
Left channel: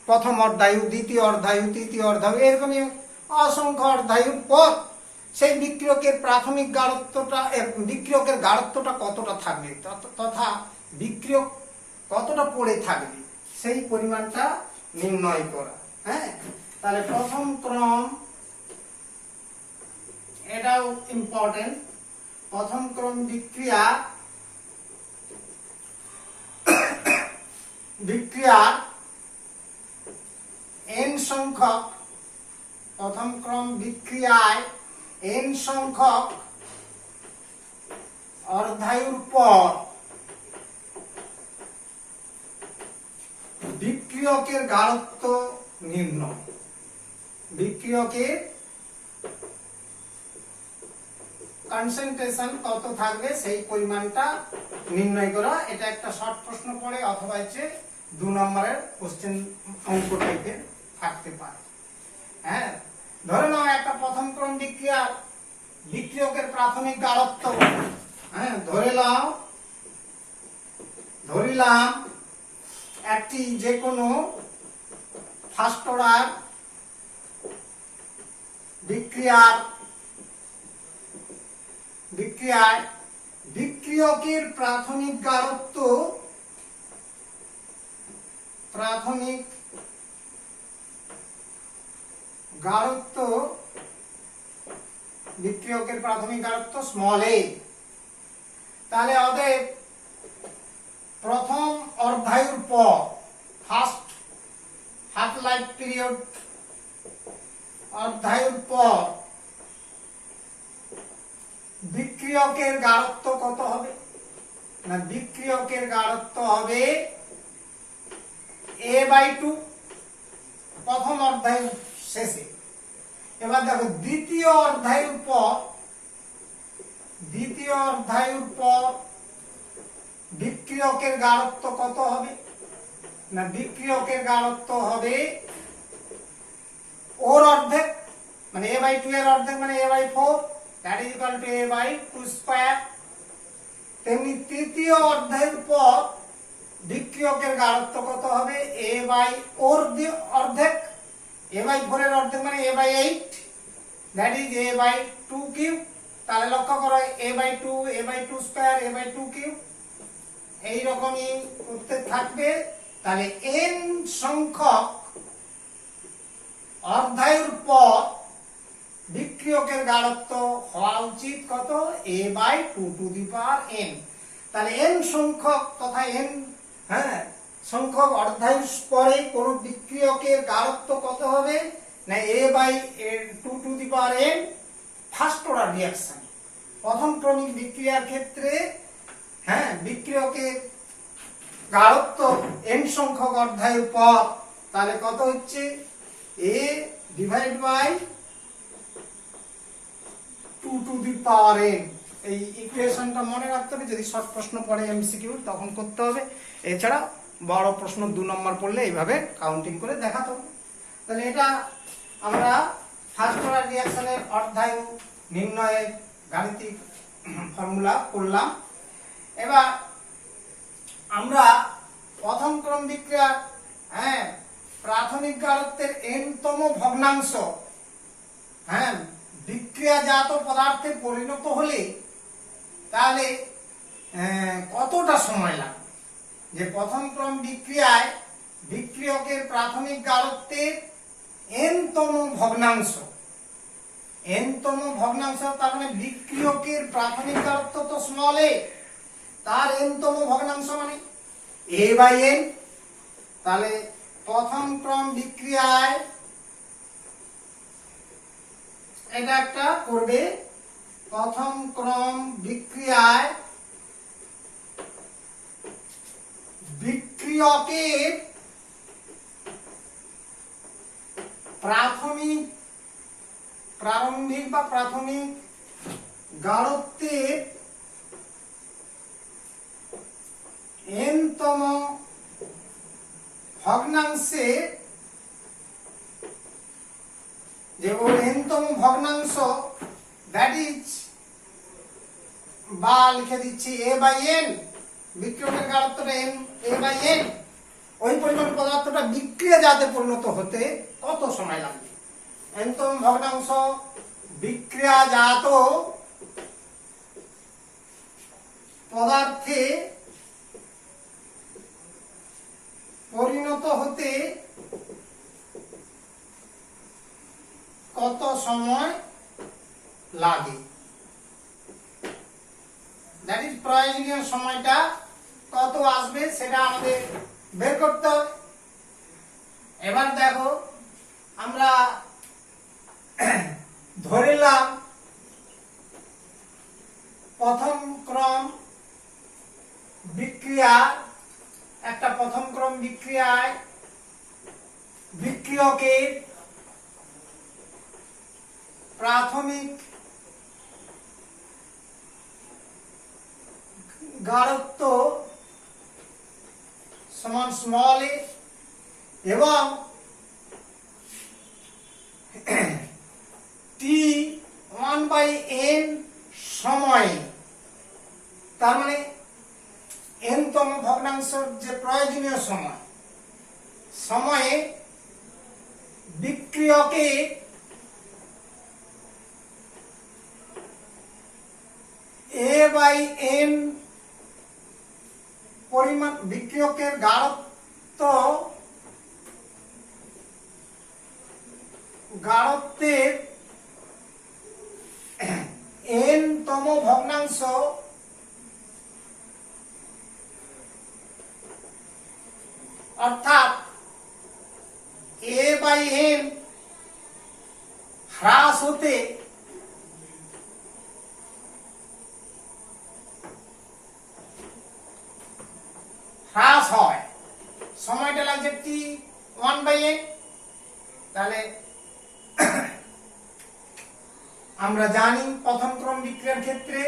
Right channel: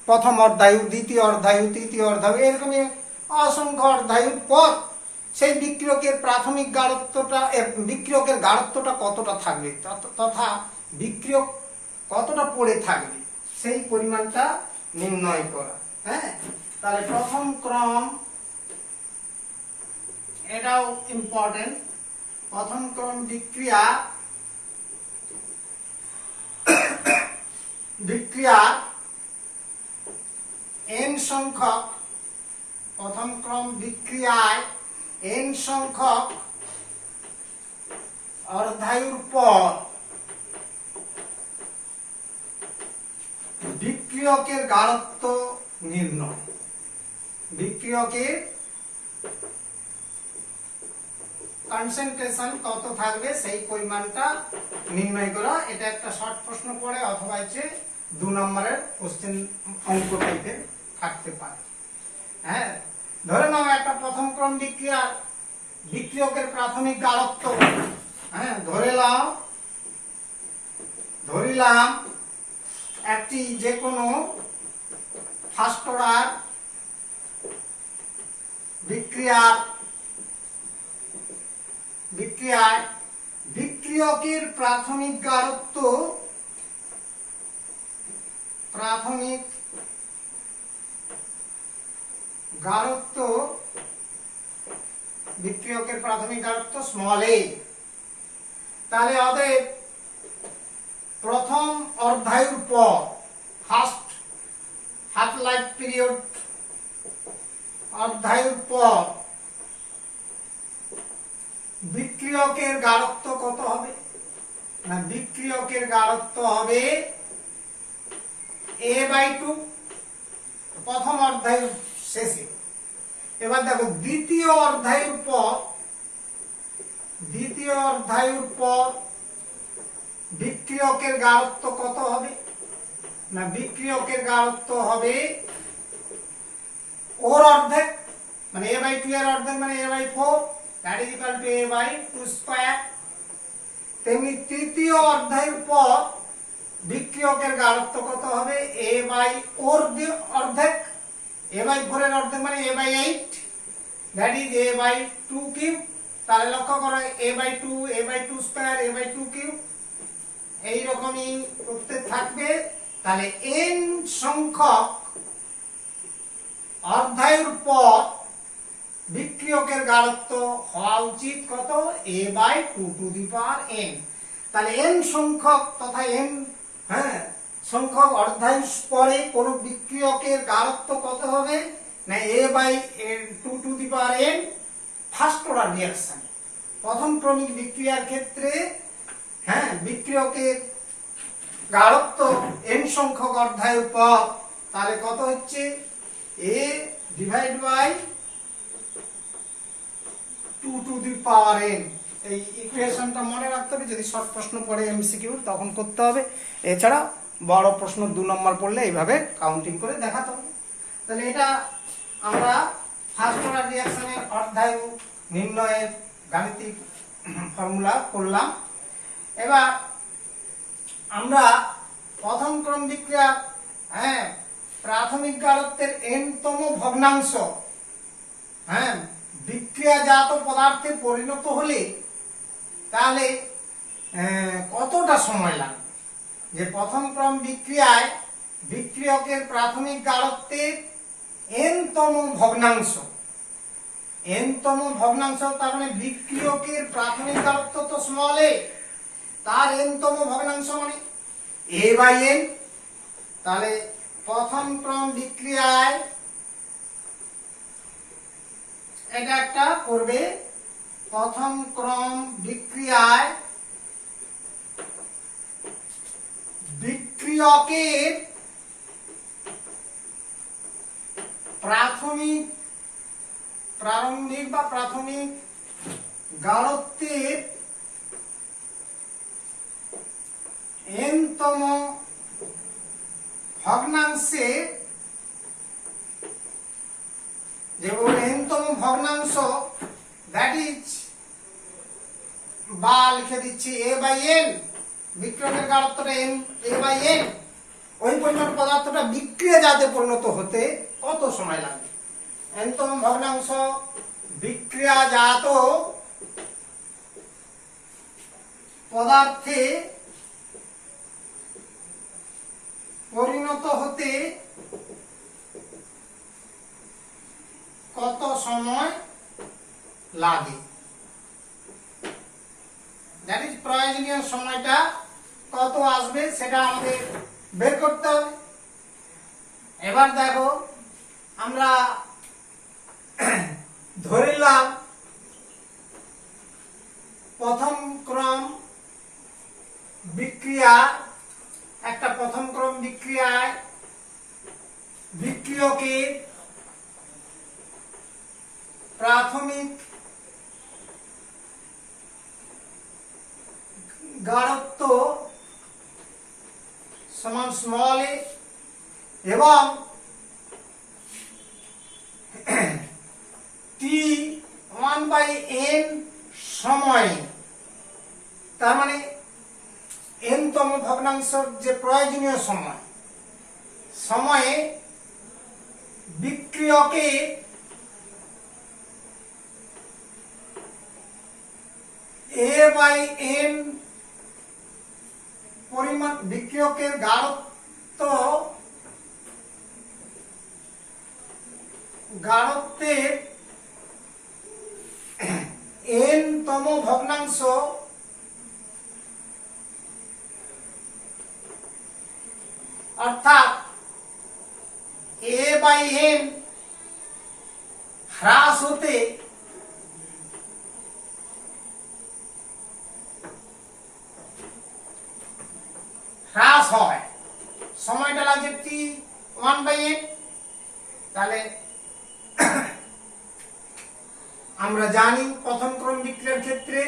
প্রথম অধ্যায়, দ্বিতীয় অধ্যায়, তৃতীয় অধ্যায়, এরকমই অসংখ্য অধ্যায়ের পর সেই বিক্রিয়কের প্রাথমিক গাঢ়ত্বটা, বিক্রিয়কের গাঢ়ত্বটা কতটা থাকবে, তথা বিক্রিয়ক কতটা পড়ে থাকবে, সেই পরিমাণটা নির্ণয় করা। হ্যাঁ, তাহলে প্রথম ক্রম, এটাও ইম্পর্টেন্ট। প্রথম ক্রম বিক্রিয়া n সংখ্যক, প্রথম ক্রম বিক্রিয়ায় n সংখ্যক অর্ধায়ুর পর বিক্রিয়কের গাঢ়ত্ব নির্ণয়, বিক্রিয়কের কনসেন্ট্রেশন কত থাকবে সেই পরিমাণটা নির্ণয় করা। এটা একটা শর্ট প্রশ্ন পড়ে, অথবা হচ্ছে 2 নম্বরের কোশ্চেন অঙ্ক টাইপের থাকতে পারে। হ্যাঁ, ধরে নাও একটা প্রথম ক্রম বিক্রিয়কের প্রাথমিক গাঢ়ত্ব, হ্যাঁ ধরিলাম একটি যে কোনো ফার্স্ট অর্ডার বিক্রিয়ায় বিক্রিয়কের প্রাথমিক গাঢ়ত্ব, বিক্রিয়কের প্রাথমিক গাঢ়ত্ব স্মল a। তাহলে অতএব প্রথম অর্ধায়ুর পর, ফার্স্ট হাফ লাইফ পিরিয়ড অর্ধায়ুর পর বিক্রিয়কের গাঢ়ত্ব কত হবে না, বিক্রিয়কের গাঢ়ত্ব হবে a/2 প্রথম অর্ধায়ুর শেষে। এবার দেখো দ্বিতীয় অর্ধায়ুর পর বিক্রিয়কের গাঢ়ত্ব কত হবে না, বিক্রিয়কের গাঢ়ত্ব হবে ওর অর্ধেক, মানে a/2 এর অর্ধেক মানে a/4, that is equal to a/2 square. তেমনি তৃতীয় অর্ধায়ুর পর বিক্রিয়কের গাঢ়ত্ব কত হবে, অর্ধেক, a/4 এর অর্ধেক মানে a/8, that is a/2 cube. তাহলে লক্ষ্য করো a/2 স্কয়ার, a/2 কিউব, এইরকমই উত্তর থাকবে। তাহলে n সংখ্যক অর্ধায়ুর পর বিক্রিয়কের গাঢ়ত্ব হওয়া উচিত কত, a/2 two the power n। তাহলে n সংখ্যক তথা n সংখ্যক অর্ধায়ু পরে কোন বিক্রিয়কের গাঢ়ত্ব কত হবে না a/2n ফার্স্ট অর্ডার রিঅ্যাকশন। প্রথম ক্রমিক বিক্রিয়ার ক্ষেত্রে বিক্রিয়কের গাঢ়ত্ব n সংখ্যক অর্ধায়ুর পর, তাহলে কত হচ্ছে a/2n। এই ইকুয়েশনটা মনে রাখতে হবে, যদি শর্ট প্রশ্ন পড়ে এমসিকিউ তখন করতে হবে। এছাড়া বড় প্রশ্ন 2 নম্বর পড়লে এইভাবে কাউন্টিং করে দেখাতে হবে। তাহলে এটা আমরা ফার্স্ট অর্ডার রিঅ্যাকশনের অর্ধায়ু নির্ণয়ের গাণিতিক ফর্মুলা করলাম। এবার আমরা প্রথম ক্রম বিক্রিয়া প্রাথমিক গাঢ়ত্বের n-তম ভগ্নাংশ বিক্রিয়াজাত পদার্থে পরিণত হলে তাহলে কতটা সময় লাগবে, যে প্রথম ক্রম বিক্রিয়ায় বিক্রিয়কের প্রাথমিক গাঢ়ত্বের n-তম ভগ্নাংশ, তার মানে বিক্রিয়কের প্রাথমিক গাঢ়ত্ব তো স্মল a, তার n-তম ভগ্নাংশ মানে a/n। তাহলে প্রথম ক্রম বিক্রিয়ায় এটা একটা করবে, প্রথম ক্রম বিক্রিয়ায় বিক্রিয়কের প্রারম্ভিক বা প্রাথমিক গাঢ়ত্বের n-তম ভগ্নাংশে, যে n-তম ভগ্নাংশ দ্যাট ইজ, বা লিখে দিচ্ছি a/n, বিক্রিয়কের গাঢ়ত্বটা a/n, ওই পরিমাণ পদার্থটা বিক্রিয়াজাতে পরিণত হতে কত সময় লাগবে। n-তম ভগ্নাংশ বিক্রিয়াজাত পদার্থে পরিণত হতে কত সময় লাগে, দ্যাট ইজ প্রয়োজনীয় সময়টা কত আসবে সেটা আমাদের বের করতে হবে। এবার দেখো আমরা ধরে নিলাম প্রথম ক্রম বিক্রিয়ায় বিক্রিয়কের প্রাথমিক গাঢ়ত্ব সমান স্মল a এবং t1/n সময়ে, তার মানে n-তম ভগ্নাংশের যে প্রয়োজনীয় সময়ে বিক্রিয়কে a/n পরিমাণ, বিক্রিয়কের গাঢ়ত্বের n-তম ভগ্নাংশ অর্থাৎ a/n হ্রাস হতে হয়, সময়টা লাগছে t1/n। তাহলে আমরা জানি প্রথম ক্রম বিক্রিয়ার ক্ষেত্রে,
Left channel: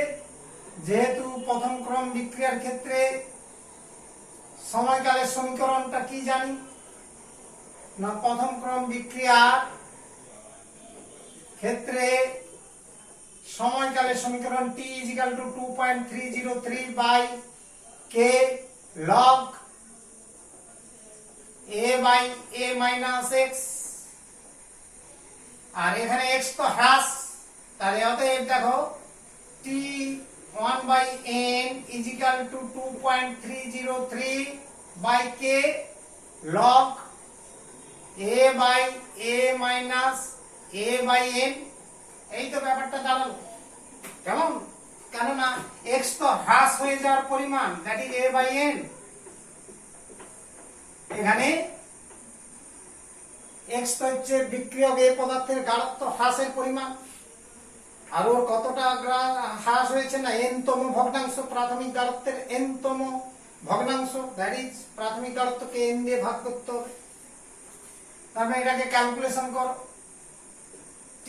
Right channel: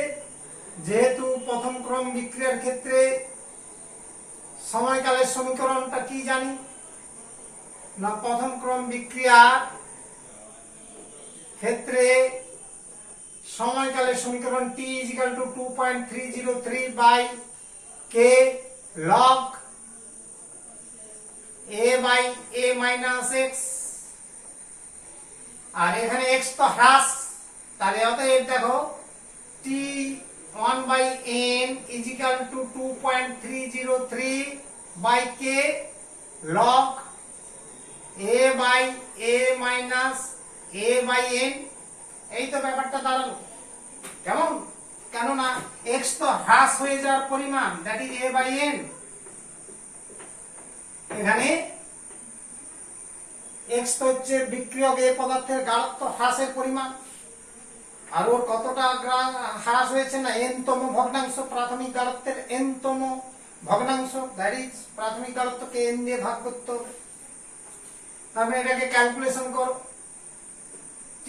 যেহেতু প্রথম ক্রম বিক্রিয়ার ক্ষেত্রে সময়কালের সমীকরণটা কি জানি না, প্রথম ক্রম বিক্রিয়ার ক্ষেত্রে সময়কালের সমীকরণ t = 2.303/k log a/a-x, আর এখানে x তো হ্রাস, তাহলে অতএব দেখো t1/n = 2.303/k log a/a-a/n। এই তো ব্যাপারটা দাঁড়ালো। কেমন কেননা এক্স তো হ্রাস হয়ে যাওয়ার পরিমাণ, that is A by N. এখানে এক্স তো হচ্ছে বিক্রিয়ক এ পদার্থের গাঢ়ত্ব হ্রাসের পরিমাণ, আর ওর কতটা হ্রাস হয়েছে না এন-তম ভগ্নাংশ, প্রাথমিক গাঢ়ত্বের এন-তম ভগ্নাংশ, দ্যাট ইজ প্রাথমিক গাঢ়ত্বকে এন দিয়ে ভাগ করতে হবে। তাহলে এটাকে ক্যালকুলেশন করো,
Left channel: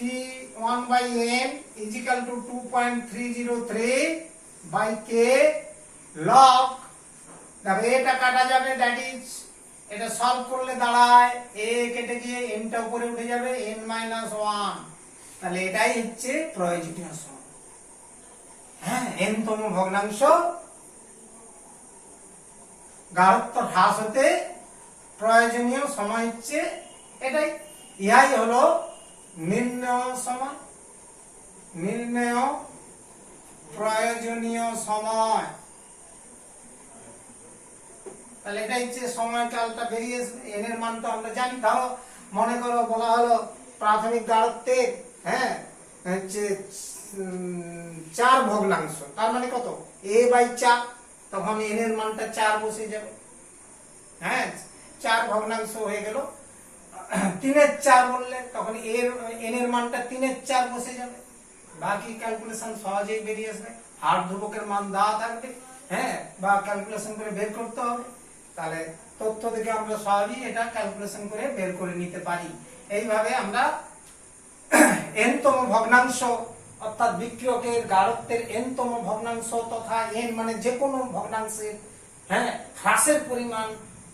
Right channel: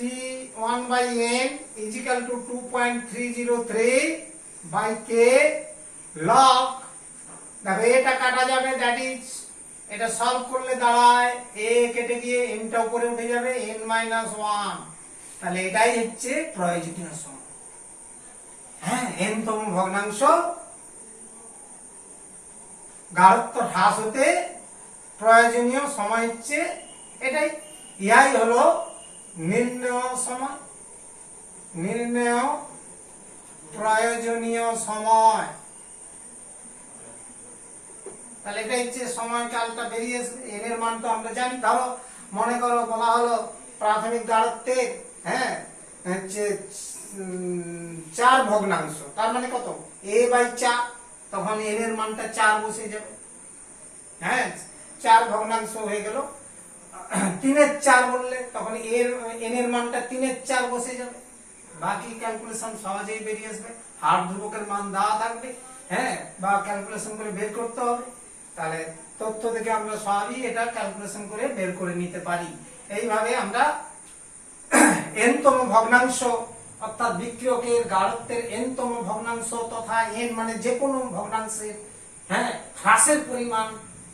T1 by n is equal to 2.303 by k log, দেখো এটা কাটা যাবে, দ্যাট ইজ এটা সলভ করলে দাঁড়ায় a কেটে গিয়ে n টা উপরে উঠে যাবে n-1, তাহলে এটাই হচ্ছে প্রয়োজনীয় সময়। হ্যাঁ, n-তম ভগ্নাংশ গাঢ়ত্ব হ্রাস হতে প্রয়োজনীয় সময় হচ্ছে এটাই। ইহাই হলো নির্ণয় সময়, নির্ণয় প্রয়োজনীয় সময়। তাহলে এটা হচ্ছে সময় কালটা বেরিয়ে আসবে। এন এর মান তো আমরা জানি। ধরো মনে করো বলা হলো প্রাথমিক গাঢ়ত্বের হ্যাঁ হচ্ছে 4 ভগ্নাংশ, তার মানে কত a বাই 4, তখন n এর মানটা 4 বসে যাবে। হ্যাঁ, 4 ভগ্নাংশ হয়ে গেল। 3-এর 4 বললে তখন n এর মানটা 3-এর 4 বসে যাবে। বাকি ক্যালকুলেশন সহজেই বেরিয়ে আসবে। হার ধ্রুবকের মান দেওয়া থাকবে, হ্যাঁ, বা ক্যালকুলেশন করে বের করতে হবে। তাহলে তথ্য থেকে আমরা সহজেই এটা ক্যালকুলেশন করে বের করে নিতে পারি। এইভাবে আমরা n-তম ভগ্নাংশ অর্থাৎ বিক্রিয়কের গাঢ়ত্বের n-তম ভগ্নাংশ তথা n মানে যে কোনো ভগ্নাংশের হ্যাঁ হ্রাসের পরিমাণ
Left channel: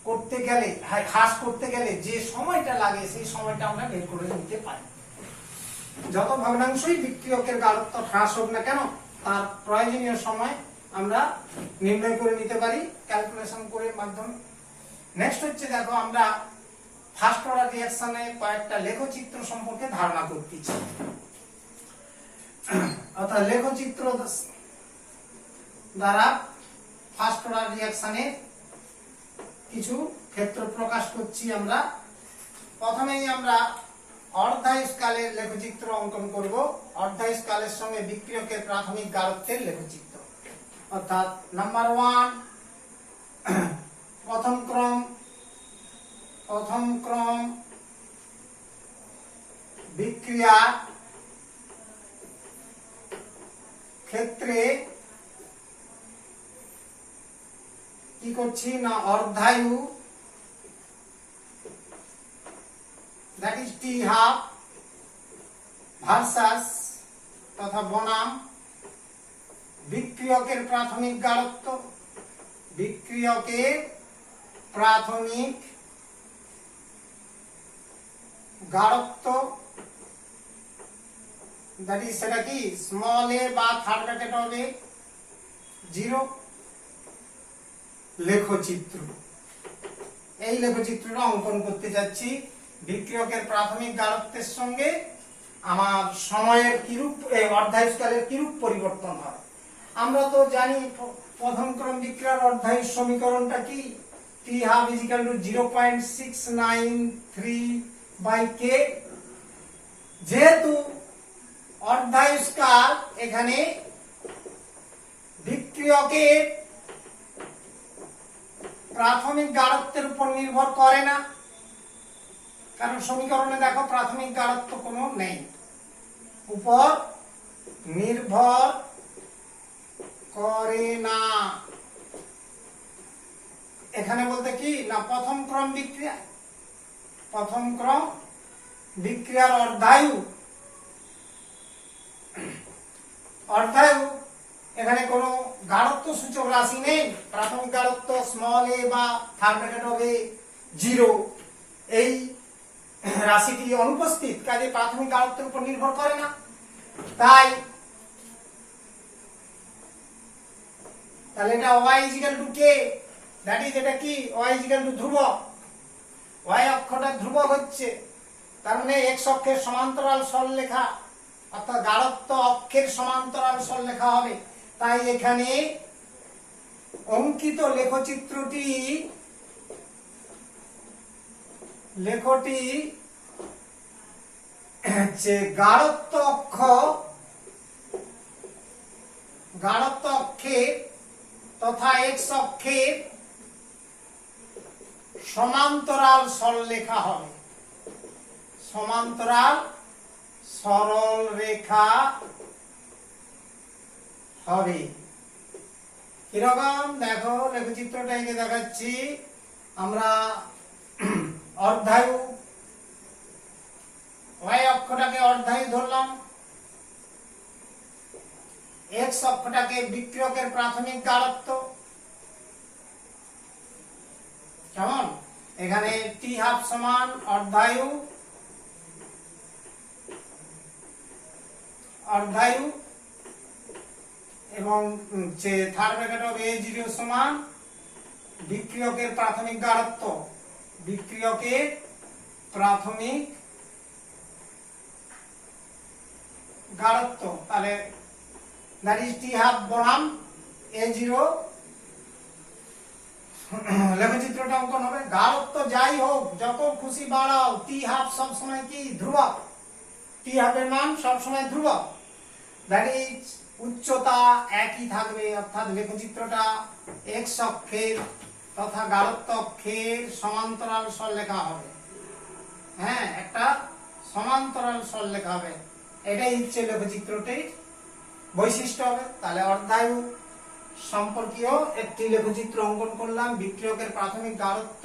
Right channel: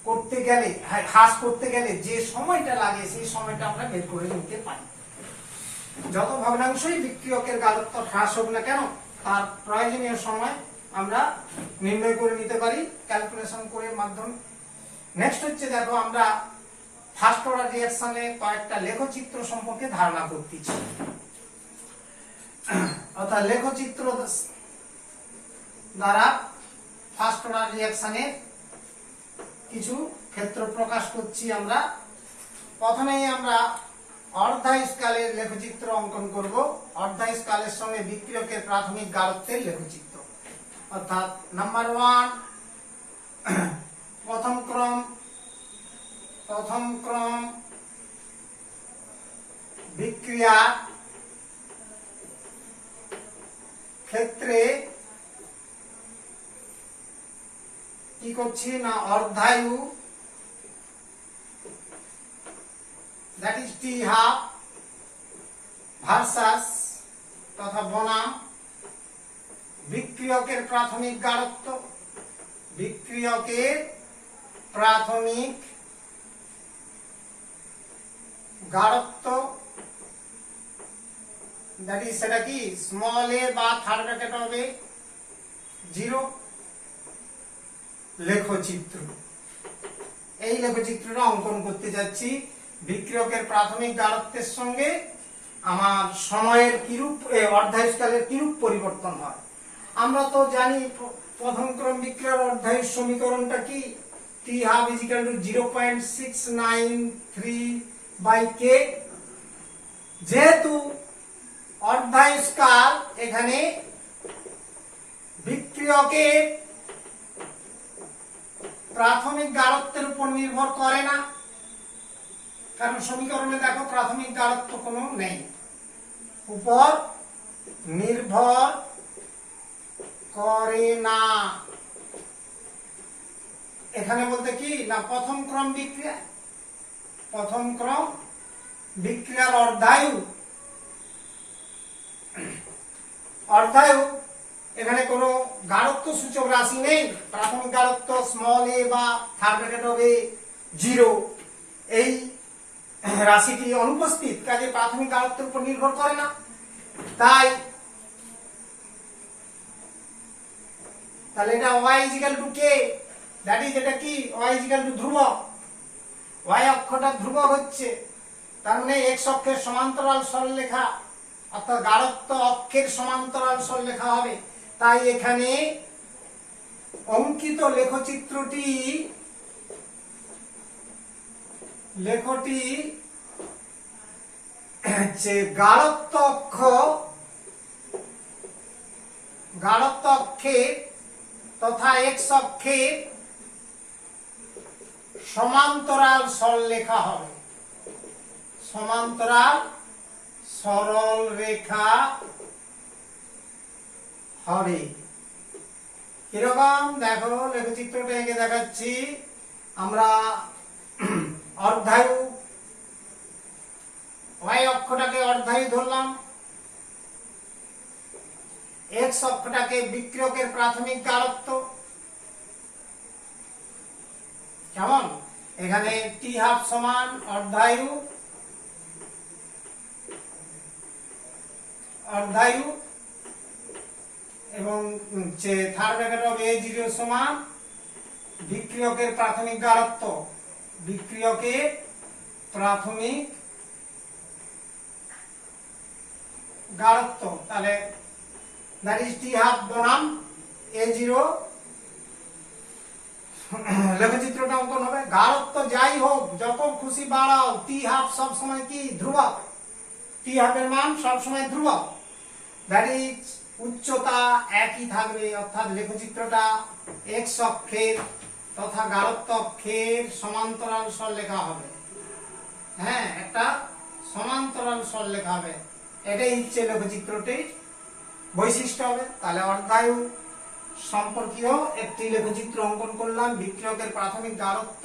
করতে গেলে, হ্রাস করতে গেলে যে সময়টা লাগে সেই সময়টা আমরা বের করে নিতে পারি। যত ভগ্নাংশই বিক্রিয়কের গাঢ়ত্ব হ্রাস হোক না কেন, তার প্রয়োজনীয় সময় আমরা নির্ণয় করে নিতে পারি ক্যালকুলেশন করে মাধ্যমে। নেক্সট হচ্ছে দেখো আমরা ফার্স্ট অর্ডার রিঅ্যাকশনে কয়েকটা লেখচিত্র সম্পর্কে ধারণা করতেছি। অর্থাৎ লেখচিত্র দ্বারা ফার্স্ট অর্ডার রিঅ্যাকশনের কিছু ক্ষেত্র প্রকাশ করছি আমরা। প্রথমেই আমরা অর্ধায়ুষ্কালের লেখচিত্র অঙ্কন করব। অর্ধায়ুষ্কালের সঙ্গে বিক্রিয়কের প্রাথমিক গাঢ়ত্বের লেখচিত্র। অর্থাৎ নাম্বার 1 প্রথম ক্রম বিক্রিয়া ক্ষেত্রে কি করছি না অর্ধায়ু, that is T half versus তথা বনাম বিক্রিয়কের প্রাথমিক গাঢ়ত্ব, বিক্রিয়কের প্রাথমিক গাঢ়ত্ব, দ্যাট ইজ সেটা কি স্মল এ বা থার্ড ব্র্যাকেট হবে 0। লেখচিত্র, এই লেখচিত্রটা অঙ্কন করতে যাচ্ছি। বিক্রিয়কের প্রাথমিক গাঢ়ত্বের সঙ্গে আমার সময়ের কিরূপ অর্ধায়ুষ্কালের কিরূপ পরিবর্তন হয়। আমরা তো জানি প্রথম ক্রম বিক্রিয়ার অর্ধায়ুষ সমীকরণটা কি, T half is equal to 0.693 by K. যেহেতু অর্ধায়ুষ্কাল এখানে বিক্রিয়কের প্রাথমিক গাঢ়ত্বের উপর নির্ভর করে না, কারণ সমীকরণে দেখো প্রাথমিক গাঢ়ত্ব কোনো নেই, উপর নির্ভর করে না। এখানে বলতে কি না প্রথম ক্রম বিক্রিয়ার অর্ধায়ু এখানে কোনো গাঢ়ত্ব সূচক রাশি নেই। প্রাথমিক গাঢ়ত্ব স্মল এ বা থার্ড ব্র্যাকেট হবে 0, এই রাশিটি অনুপস্থিত, কাজে প্রাথমিক গাঢ়ত্বের উপর নির্ভর করে না। তাহলে এটা y is equal to k, that is এটা কি y is equal to ধ্রুবক, y অক্ষটা ধ্রুবক হচ্ছে, তার মানে x অক্ষের সমান্তরাল সরলরেখা অর্থাৎ গাঢ়ত্ব অক্ষের সমান্তরাল সরলরেখা হবে। তাই এখানে অঙ্কিত লেখচিত্রটি গাঢ়ত্ব গাঢ়ত্ব অক্ষের তথা এক্স অক্ষের সমান্তরাল সরলরেখা হবে। সমান্তরাল সরল রেখা হবে। কিরকম দেখো, লেখচিত্রটা এঁকে দেখাচ্ছি। আমরা অর্ধায়ু ওয়াই অক্ষটাকে অর্ধায়ু ধরলাম, এক্স অক্ষটাকে বিক্রিয়কের প্রাথমিক গাঢ়ত্ব। কেমন, এখানে টি হাফ সমান অর্ধায়ু অর্ধায়ু এবং থার্ড ব্র্যাকেট অফ A0 সমান বিক্রিয়কের প্রাথমিক গাঢ়ত্ব। বিক্রিয়কের প্রাথমিক গাঢ়ত্ব, তাহলে দ্যাট ইজ টি হাফ বনাম A0। লেখচিত্রটা অঙ্কন হবে। গাঢ়ত্ব যাই হোক, যত খুশি বাড়াও, টি হাফ সব সময় কি ধ্রুবক। টি হাফের মান সব সময় ধ্রুবক। দ্যাট ইজ উচ্চতা একই থাকবে, অর্থাৎ লেখচিত্রটা এক্স অক্ষের তথা গাঢ়ত্ব অক্ষের সমান্তরাল সরলরেখা হবে। হ্যাঁ, একটা সমান্তরাল সরলরেখা হবে, এটাই হচ্ছে লেখচিত্রটির বৈশিষ্ট্য হবে। তাহলে অর্ধায়ু সম্পর্কীয় একটি লেখচিত্র অঙ্কন করলাম। বিক্রিয়কের প্রাথমিক গাঢ়ত্ব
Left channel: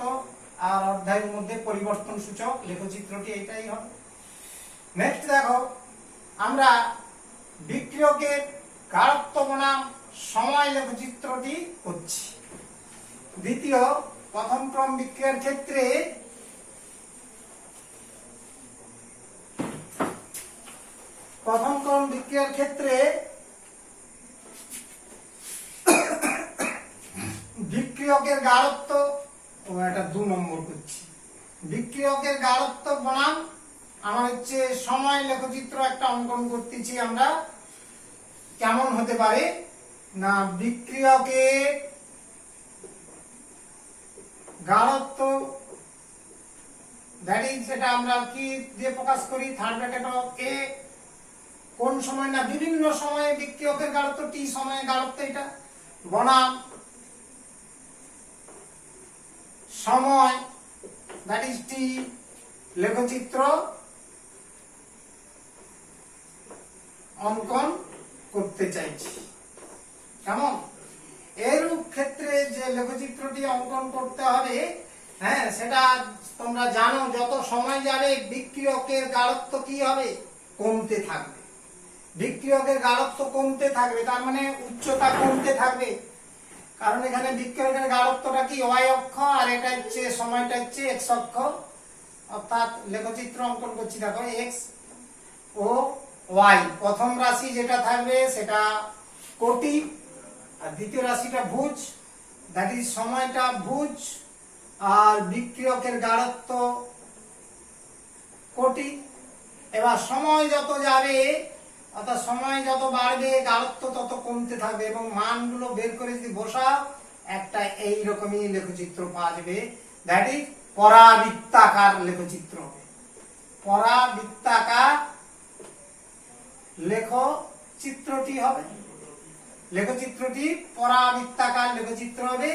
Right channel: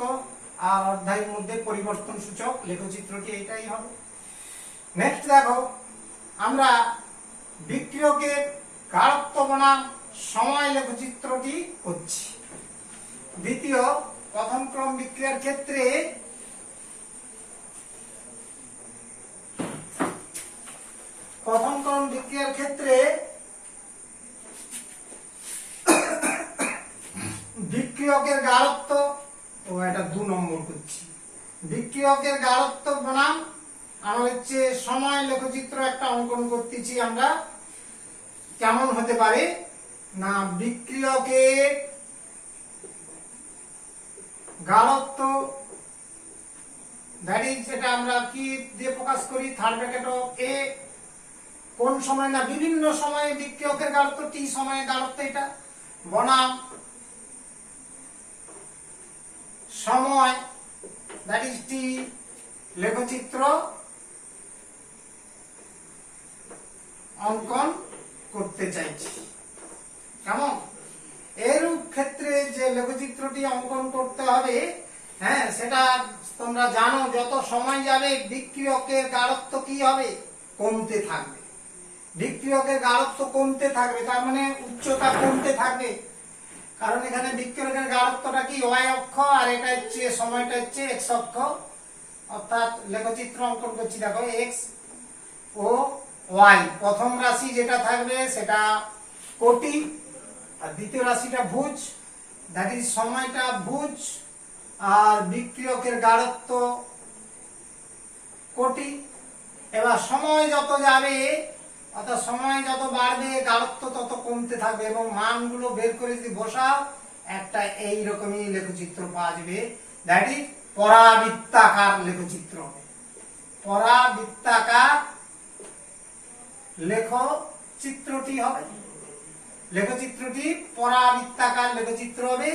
আর অর্ধায়ুর মধ্যে পরিবর্তন সূচক লেখচিত্রটি এটাই হবে। নেক্সট দেখো, আমরা বিক্রিয়কের গাঢ়ত্ব বনাম সময় লেখচিত্রটি করছি। দ্বিতীয় প্রথম ক্রম বিক্রিয়ার ক্ষেত্রে বিক্রিয়কের গাঢ়ত্ব, এটা 2 নম্বর করছি। বিক্রিয়কের গাঢ়ত্ব বনাম আমরা হচ্ছে সময় লেখচিত্র একটা অঙ্কন করতেছি। আমরা কেমন হতে পারে না, বিক্রিয়কের গাঢ়ত্ব দ্যাট ইজ, এটা আমরা কি দিয়ে প্রকাশ করি, থার্ড ব্র্যাকেট অফ A। কোন সময় না, বিভিন্ন সময়ে বিক্রিয়কের গাঢ়ত্ব, টি সময়ে গাঢ়ত্ব এটা, বনাম সময় দ্যাট ইজ টি লেখচিত্র অঙ্কন করতে চাইছি। কেমন, এরূপ ক্ষেত্রে যে লেখচিত্রটি অঙ্কন করতে হবে, হ্যাঁ, সেটা তোমরা জানো, যত সময় যাবে বিক্রিয়কের গাঢ়ত্ব কি হবে, কমতে থাকবে। বিক্রিয়কের গাঢ়ত্ব কমতে থাকবে, তার মানে উচ্চতা কমতে থাকবে। কারণ এখানে বিক্রিয়কের গাঢ়ত্বটা কি ওয়াই অক্ষ, আর এটা হচ্ছে সময়টা হচ্ছে এক্স অক্ষ। অর্থাৎ লেখচিত্র অঙ্কন করছি, দেখো এক্স ও ওয়াই। প্রথম রাশি যেটা থাকবে সেটা কোটি, আর দ্বিতীয় রাশিটা ভুজ, দ্যাট ইজ সময়টা ভুজ, আর বিক্রিয়কের গাঢ়ত্ব কোটি। এবার সময় যত যাবে, অর্থাৎ সময় যত বাড়বে গাঢ়ত্ব তত কমতে থাকবে, এবং মানগুলো বের করে যদি বসাও, একটা এইরকমই লেখচিত্র পাওয়া যাবে। দ্যাট ইজ পরাবৃত্তাকার লেখচিত্র হবে। পরাবৃত্তাকার লেখচিত্রটি হবে। লেখচিত্রটি পরাবৃত্তাকার লেখচিত্র হবে।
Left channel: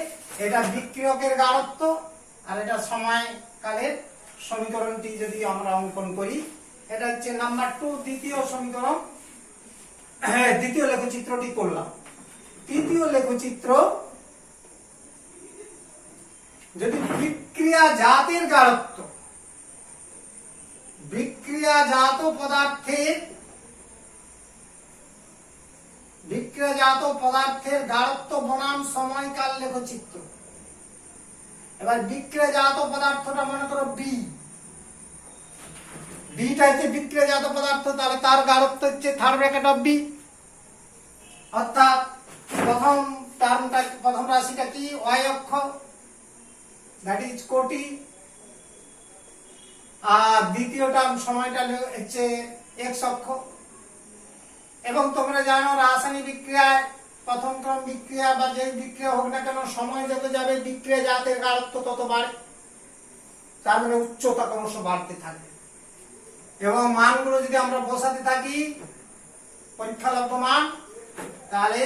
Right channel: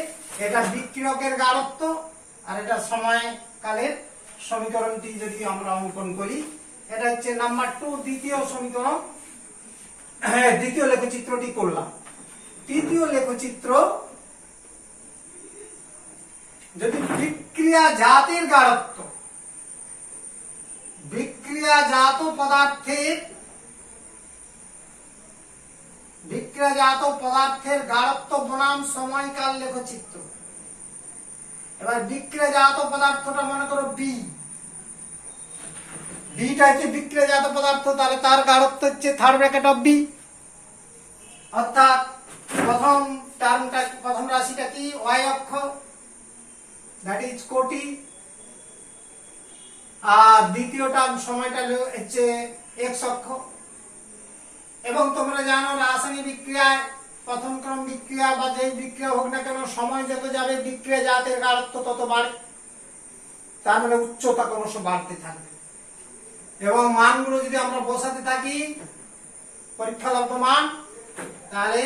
এটা বিক্রিয়কের গাঢ়ত্ব, আর এটা সময়কালের সমীকরণটি যদি আমরা অঙ্কন করি, এটা হচ্ছে নাম্বার 2 দ্বিতীয় সমীকরণ। দ্বিতীয় লেখচিত্রটি করলাম। তৃতীয় লেখচিত্র, যদি বিক্রিয়াজাতের গাঢ়ত্ব, বিক্রিয়াজাত পদার্থের গাঢ়ত্ব বনাম সময়কাল লেখচিত্র। এবার বিক্রিয়াজাত পদার্থটা মনে করো বি, বিটা হচ্ছে বিক্রিয়াজাত পদার্থ, তাহলে তার গাঢ়ত্ব হচ্ছে থার্ড ব্র্যাকেট অফ বি। অর্থাৎ প্রথম রাশিটা কি ওয়াই অক্ষ, দ্যাট ইজ কোটি, আর দ্বিতীয়টা সময়টা হচ্ছে এক্স অক্ষ। এবং তোমরা জানো রাসায়নিক বিক্রিয়ায়, প্রথম ক্রম বিক্রিয়া বা যে বিক্রিয়া হোক না কেন, সময় যত যাবে বিক্রিয়াজাতের গাঢ়ত্ব তত বাড়ে, তার মানে উচ্চতা ক্রমশ বাড়তে থাকবে। এবং মানগুলো যদি আমরা বসাতে থাকি, পরীক্ষালব্ধ মান, তাহলে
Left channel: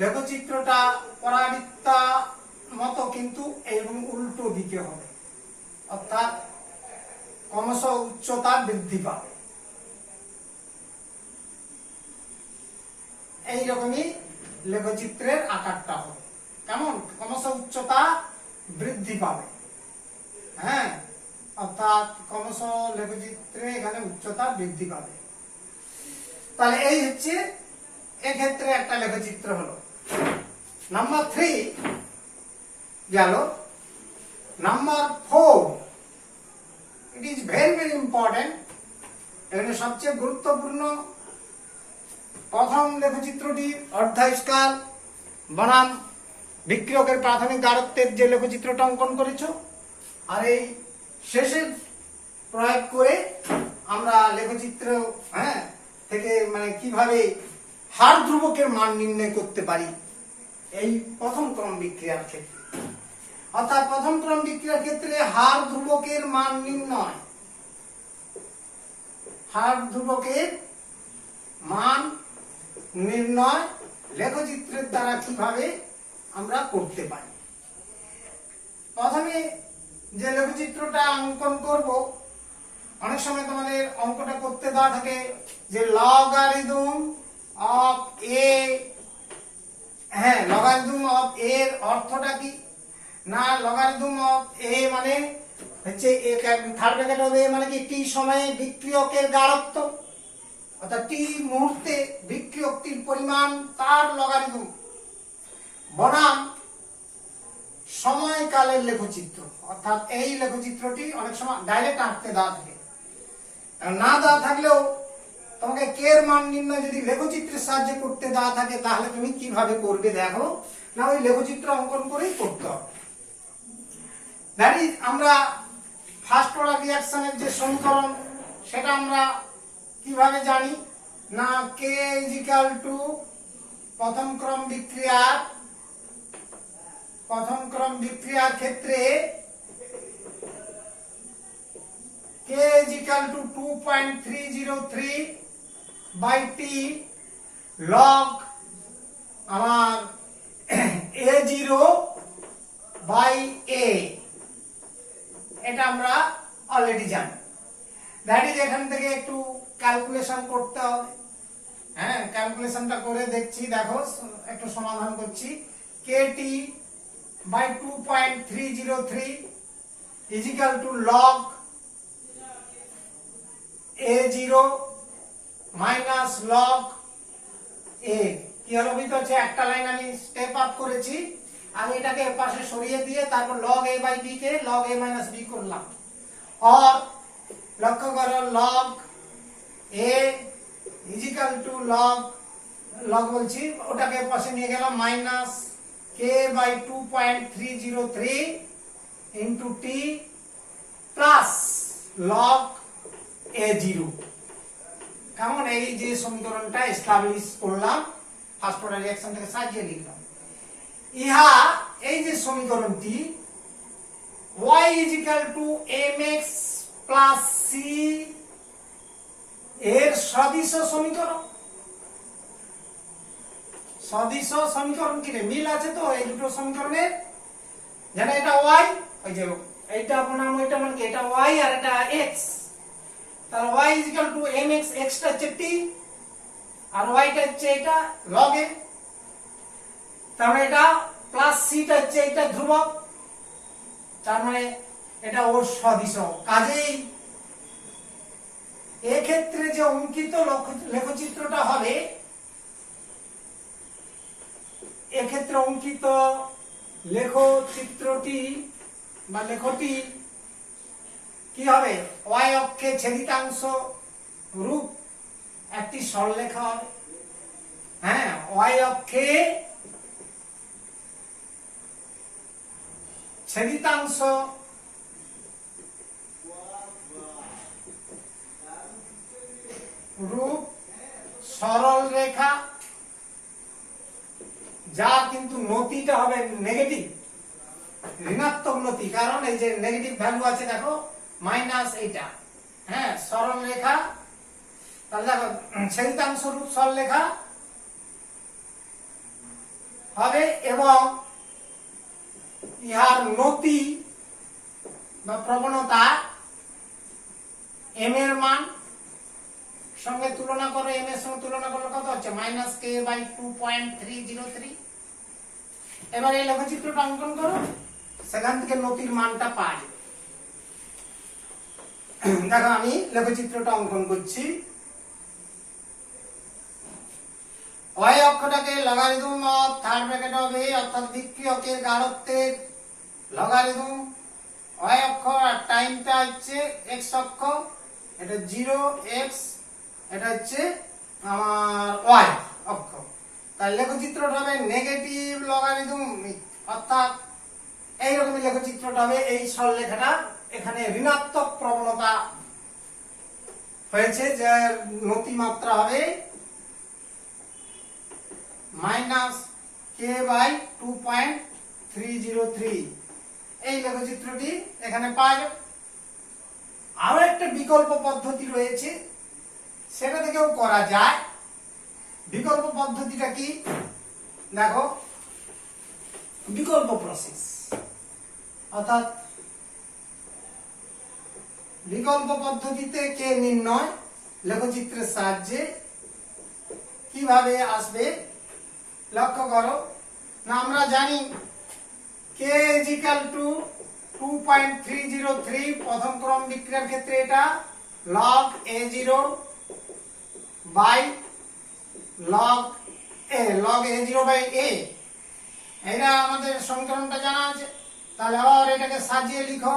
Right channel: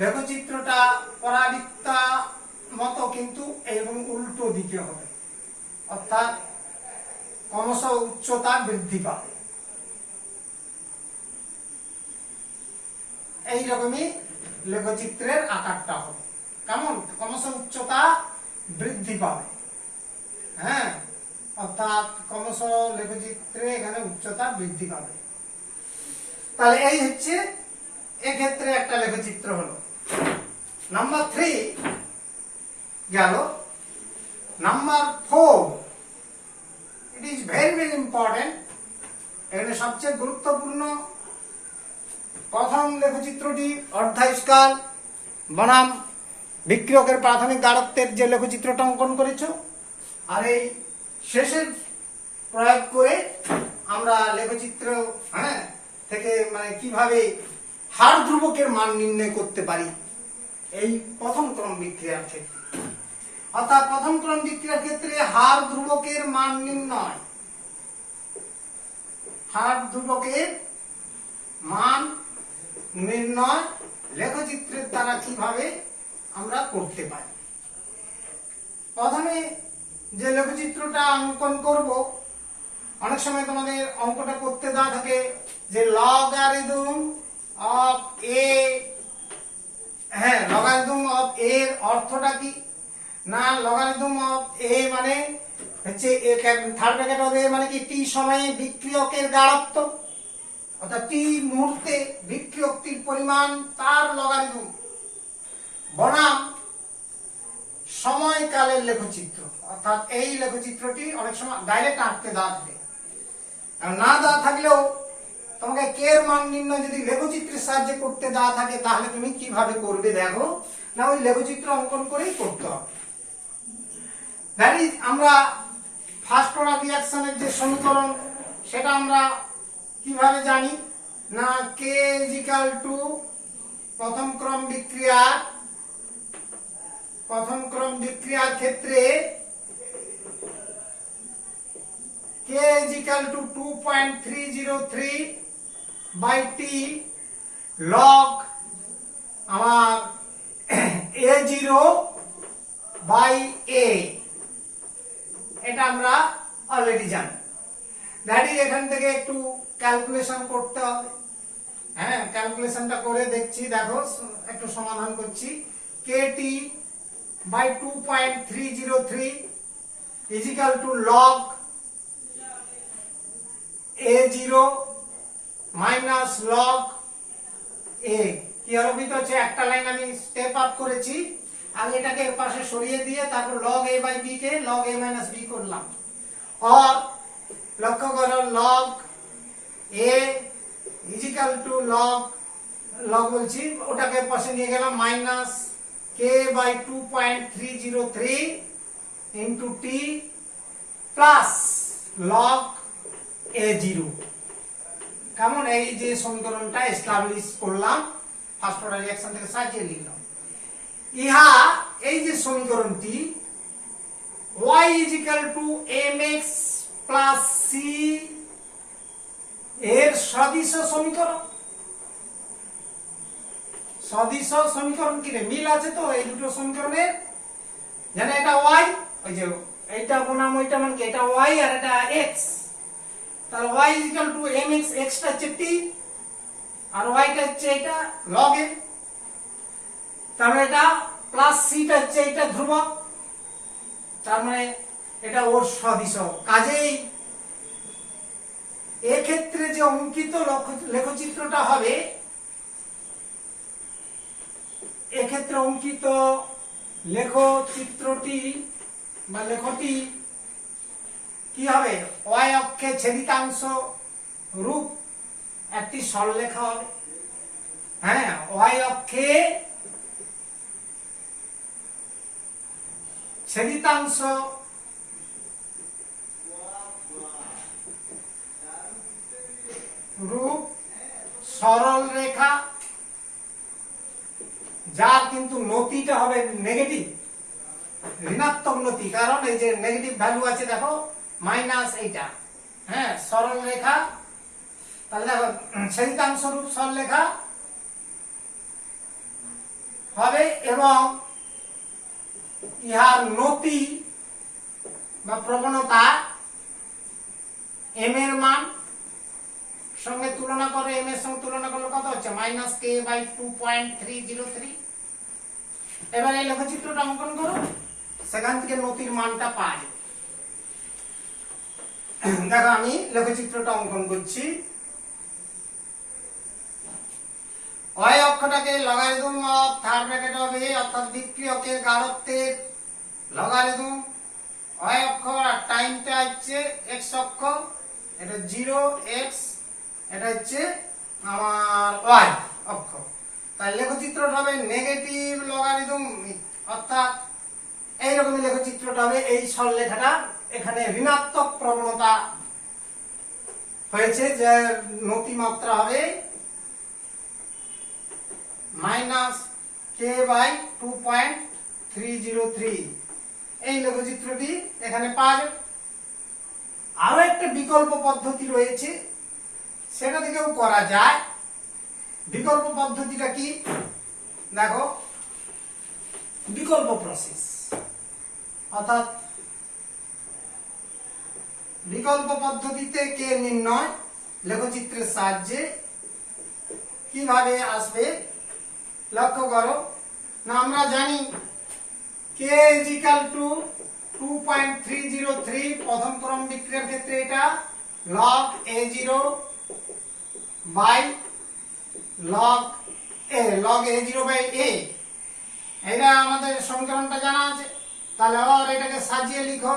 লেখচিত্রটা পরাবৃত্তা মতো কিন্তু এরকম উল্টো দিকে হবে, অর্থাৎ ক্রমশ উচ্চতা বৃদ্ধি পাবে। এইরকমই লেখচিত্রের আকারটা হবে, কেমন? ক্রমশ উচ্চতা বৃদ্ধি পাবে। হ্যাঁ, অর্থাৎ ক্রমশ লেখচিত্রে এখানে উচ্চতা বৃদ্ধি পাবে। তাহলে এই হচ্ছে এক্ষেত্রে একটা লেখচিত্র হলো। নাম্বার 3 গেল। Number 4, it is very very important. এখানে সবচেয়ে গুরুত্বপূর্ণ প্রথম লেখচিত্রটি অর্ধায়ুষ্কাল বনাম বিক্রিয়কের প্রাথমিক দারত্বের যে লেখচিত্রটা অঙ্কন করেছো, আর এই শেষের প্রয়োগ করে আমরা লেখচিত্র থেকে মানে কিভাবে হার ধ্রুবকের মান নির্ণয় করতে পারি এই প্রথম ক্রম বিক্রিয়ার ক্ষেত্রে। অর্থাৎ প্রথম ক্রম বিক্রিয়ার ক্ষেত্রে হার ধ্রুবকের মান নির্ণয়, হার ধ্রুবকের মান নির্ণয় লেখচিত্রের দ্বারা কিভাবে আমরা করতে পারি। প্রথমে যে লেখচিত্রটা অঙ্কন করব, অনেক সময় তোমাদের অঙ্কটা করতে দেওয়া থাকে যে লগারিদম অফ এ। হ্যাঁ, লগারিদম অফ এ এর অর্থটা কি? না, লগারিদম অফ এ মানে হচ্ছে থার্ড ব্র্যাকেট হবে মানে কি টি সময়ে বিক্রিয়কের গাঢ়ত্ব, অর্থাৎ টি মুহূর্তে বিক্রিয়কটির পরিমাণ তার লগারিদম বনাম সময়কালের লেখচিত্র। অর্থাৎ এই লেখচিত্রটি অনেক সময় ডাইরেক্ট আঁকতে দেওয়া থাকে, না দেওয়া থাকলেও তোমাকে কে এর মান নির্ণয় যদি লেখচিত্রের সাহায্যে করতে দেওয়া থাকে তাহলে তুমি কিভাবে করবে দেখো না, ওই লেখচিত্র অঙ্কন করেই করতে হবে। দ্যাট ইজ আমরা ফার্স্ট অর্ডার রিঅ্যাকশনের যে সমীকরণ সেটা আমরা কিভাবে জানি না, কে ইজ ইকুয়াল টু প্রথম ক্রম বিক্রিয়ার ক্ষেত্রে k is equal to 2.303 by t log আমার a0 by a, এটা আমরা অলরেডি জানি। দ্যাট ইজ এখান থেকে একটু ক্যালকুলেশন করতে হবে। হ্যাঁ, ক্যালকুলেশনটা করে দেখছি, দেখো একটু সমাধান করছি। kt by 2.303 is equal to log a0 minus log a। কি হলো ভিতর হচ্ছে একটা লাইন আমি স্টেপ আপ করেছি, আমি এটাকে এর পাশে সরিয়ে দিয়ে তারপর log a by b K log a minus b করলাম। আর লক্ষ্য করো log a is equal to log বলছি ওটাকে পাশে নিয়ে গেলাম minus k by 2.303 into t plus log a0। কেমন? এই যে সমীকরণটা এস্টাবলিশ করলাম, ফার্স্ট অর্ডার রিঅ্যাকশন থেকে সাজিয়ে লিখলাম। ইহা এই যে সমীকরণটি y is equal to mx plus c এর সদিশ সমীকরণ। সদিশ সমীকরণ কি রে, মিল আছে তো এই দুটো সমীকরণের? জানো এটা y, ওই যে এইটা বনাম ওইটা মানে কি এটা y আর এটা x। তাহলে y is equal to mx, x টা হচ্ছে t আর y টা হচ্ছে এটা log a, তাহলে এটা প্লাস c টা হচ্ছে এটা ধ্রুবক, তার মানে এটা ওর সদিশ। কাজেই এক্ষেত্রে যে অঙ্কিত লেখচিত্রটা হবে, এক্ষেত্রে অঙ্কিত লেখচিত্রটি বা লেখটি কি হবে? y অক্ষে ছেদিতাংশ রূপ একটি সরলরেখা হবে। হ্যাঁ, y অক্ষে ছেদিতাংশ রূপ সরল রেখা, যা কিন্তু নতিটা হবে নেগেটিভ, ঋণাত্মক নতি, কারণ এই যে নেগেটিভ ভ্যালু আছে দেখো মাইনাস এইটা। হ্যাঁ, সরল রেখা, তাহলে দেখো ছেদিতাংশ রূপ সরল রেখা হবে এবং ইহার নতি বা প্রবণতা এম এর মান সঙ্গে তুলনা করে, এম এর সঙ্গে তুলনা করলে কত হচ্ছে -k/2.303। এবার এই লেখচিত্রটা অঙ্কন করো, সেখান থেকে নতির মানটা পাওয়া যাবে। দেখো আমি লেখচিত্রটা অঙ্কন করছি। y অক্ষটাকে logarithm of third bracket of a অর্থাৎ বিক্রিয়কের গাঢ়ত্বের লগারিদম y অক্ষ, আর টাইমটা হচ্ছে x অক্ষ, এটা 0x, এটা হচ্ছে আমার y অক্ষ। তাই লেখচিত্রটা হবে নেগেটিভ লগারিদম, অর্থাৎ এইরকমই লেখচিত্রটা হবে। এই সরলরেখাটা এখানে ঋণাত্মক প্রবণতা হয়েছে, যে নতি মাত্রা হবে -k/2.303। এই লেখচিত্রটি এখানে পাওয়া যাবে। আরো একটা বিকল্প পদ্ধতি রয়েছে, সেটা থেকেও করা যায়। বিকল্প পদ্ধতিটা কি দেখো, বিকল্প প্রসেস, অর্থাৎ বিকল্প পদ্ধতিতে কে নির্ণয় লেখচিত্রের সাহায্যে কিভাবে আসবে লক্ষ্য করো। না আমরা জানি k = 2.303, প্রথম ক্রম বিক্রিয়ার ক্ষেত্রে এটা log a0 by log a0 by a, এটা আমাদের সমীকরণটা জানা আছে। তাহলে আর এটাকে সাজিয়ে লিখো,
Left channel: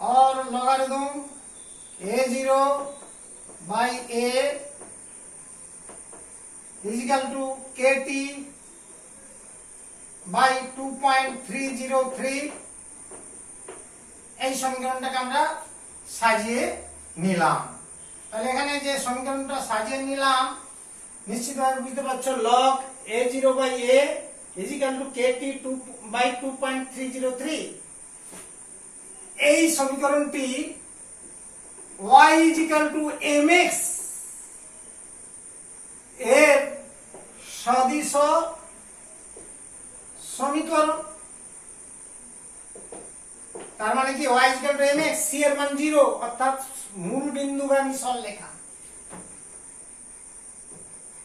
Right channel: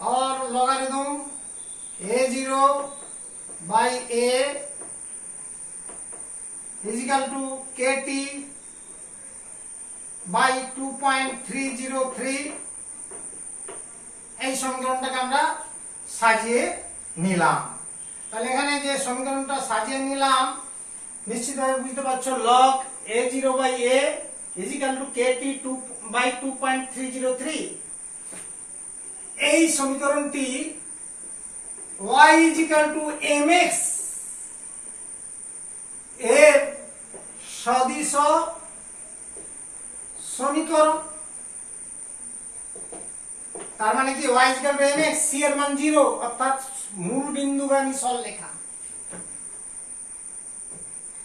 और logarithm a0 by a is equal to kt by 2.303। এই সমীকরণটাকে আমরা সাজিয়ে নিলাম। তাহলে এখানে যে সমীকরণটা সাজিয়ে নিলাম, নিশ্চিতভাবে বুঝতে পারছো log a0 by a is equal to kt by 2.303। এই সমীকরণটি y = mx এর সদিশ সমীকরণ। তার মানে কি y = mx, c এর মান 0, অর্থাৎ মূল বিন্দুগামী সরলরেখা।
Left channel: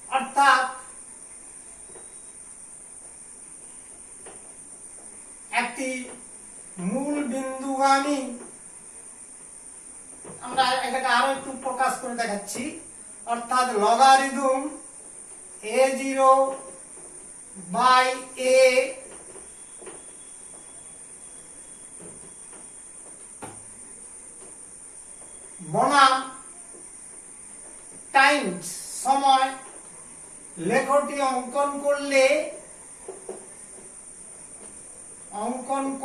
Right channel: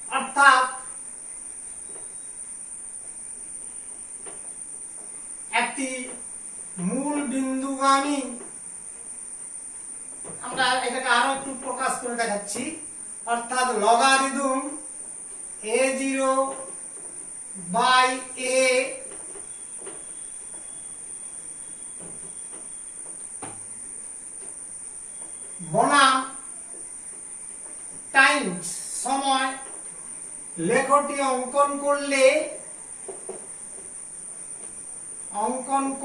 অর্থাৎ একটি মূল বিন্দুগামী, আমরা এটাকে আরো একটু প্রকাশ করে দেখাচ্ছি, অর্থাৎ লগারিদম a0 বাই a বনাম টাইমস সময়, লেখটি অঙ্কন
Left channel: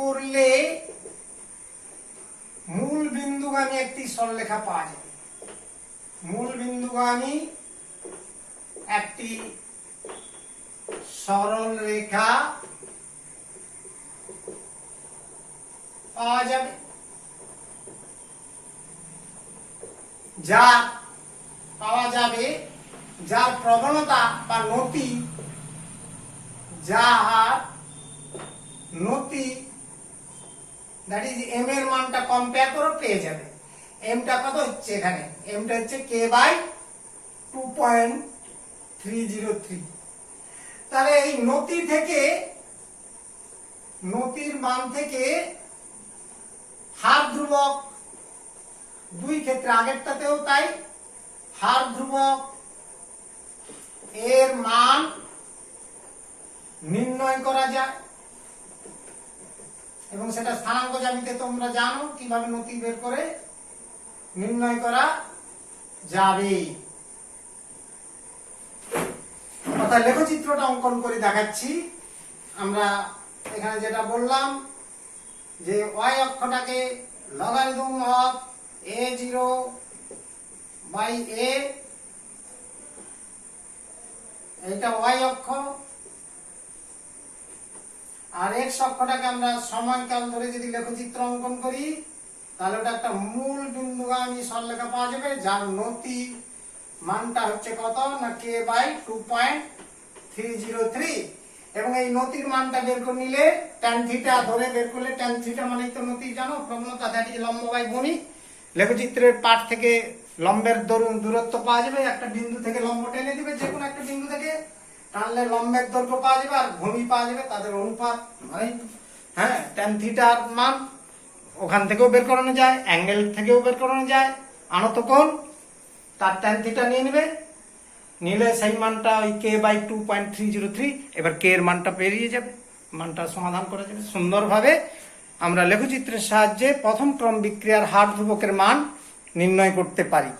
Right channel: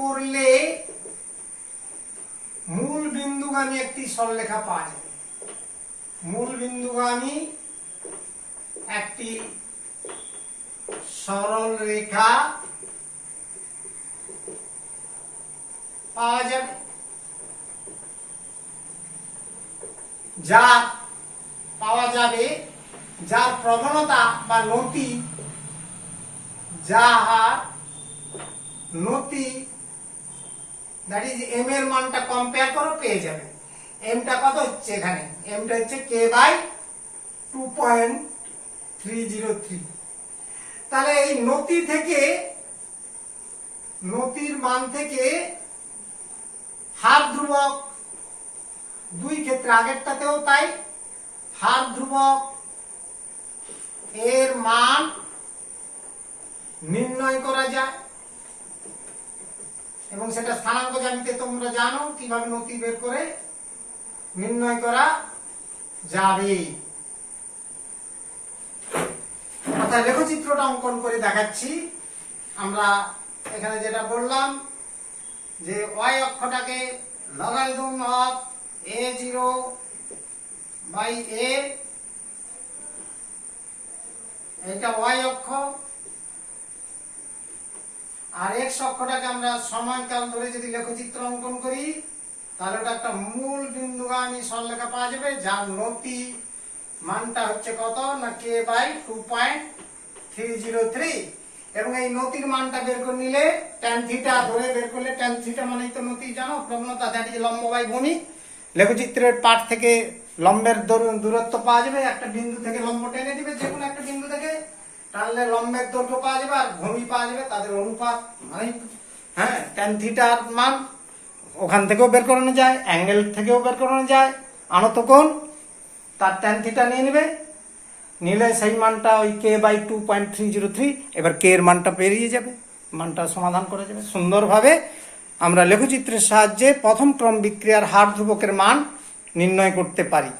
করলে মূল বিন্দুগামী একটি সরলরেখা পাওয়া যাবে। মূল বিন্দুগামী একটি সরল রেখা পাওয়া যাবে, যার প্রবণতা বা নতি, দ্যাট ইজ এম এর মানটা কম্পেয়ার করো, পেয়ে যাবে। এমটা কত হচ্ছে এখানে, এমটা হচ্ছে k/2.303। তাহলে এই নতির মান থেকে হার ধ্রুবক, দুই ক্ষেত্রে আগেরটাতেও তাই, হার ধ্রুবক এর মান নির্ণয় করা যায়, এবং সেটা স্থানাঙ্ক জ্যামিতিতে তোমরা জানো কিভাবে নতি বের করে নির্ণয় করা যাবে। অর্থাৎ লেখচিত্রটা অঙ্কন করে দেখাচ্ছি। আমরা এখানে যেটা বললাম যে y অক্ষটাকে logarithm of a0 by a, এটা y অক্ষ, আর x অক্ষটাকে আমরা সময়কাল ধরে যদি লেখচিত্র অঙ্কন করি, তাহলে এটা একটা মূল বিন্দুগামী সরলরেখা পাওয়া যাবে, যার নতি মানটা হচ্ছে কত না k/2.303। এবং এই নতির মানটা বের করে নিলে ট্যান থিটা ধরে বের করলে, ট্যান থিটা মানেই তো নতি জানো, প্রবণতা, দ্যাট ইজ লম্ব বাই ভূমি। লেখচিত্রের পাঠ থেকে লম্বের দূরত্ব পাওয়া যাবে, একটা বিন্দু থেকে লম্ব টেনে দিবে, যে কোনো একটা বিন্দু থেকে টানলে লম্বের দৈর্ঘ্য পাওয়া যাবে আর ভূমি পাওয়া যাবে, তাদের অনুপাত মানে হ্যাঁ ট্যান থিটার মান ওখান থেকেও বের করানো যায়, অ্যাঙ্গেল থেকেও বের করানো যায়, আনত কোণ তার ট্যান থিটা নিয়ে নেবে, নিলে সেই মানটা ওই কে বাই 2.303, এবার কে এর মানটা পেরিয়ে যাবে, মানটা সমাধান করা যাবে সুন্দরভাবে। আমরা লেখচিত্রের সাহায্যে প্রথম ক্রম বিক্রিয়ার হার ধ্রুবকের মান নির্ণয় করতে পারি।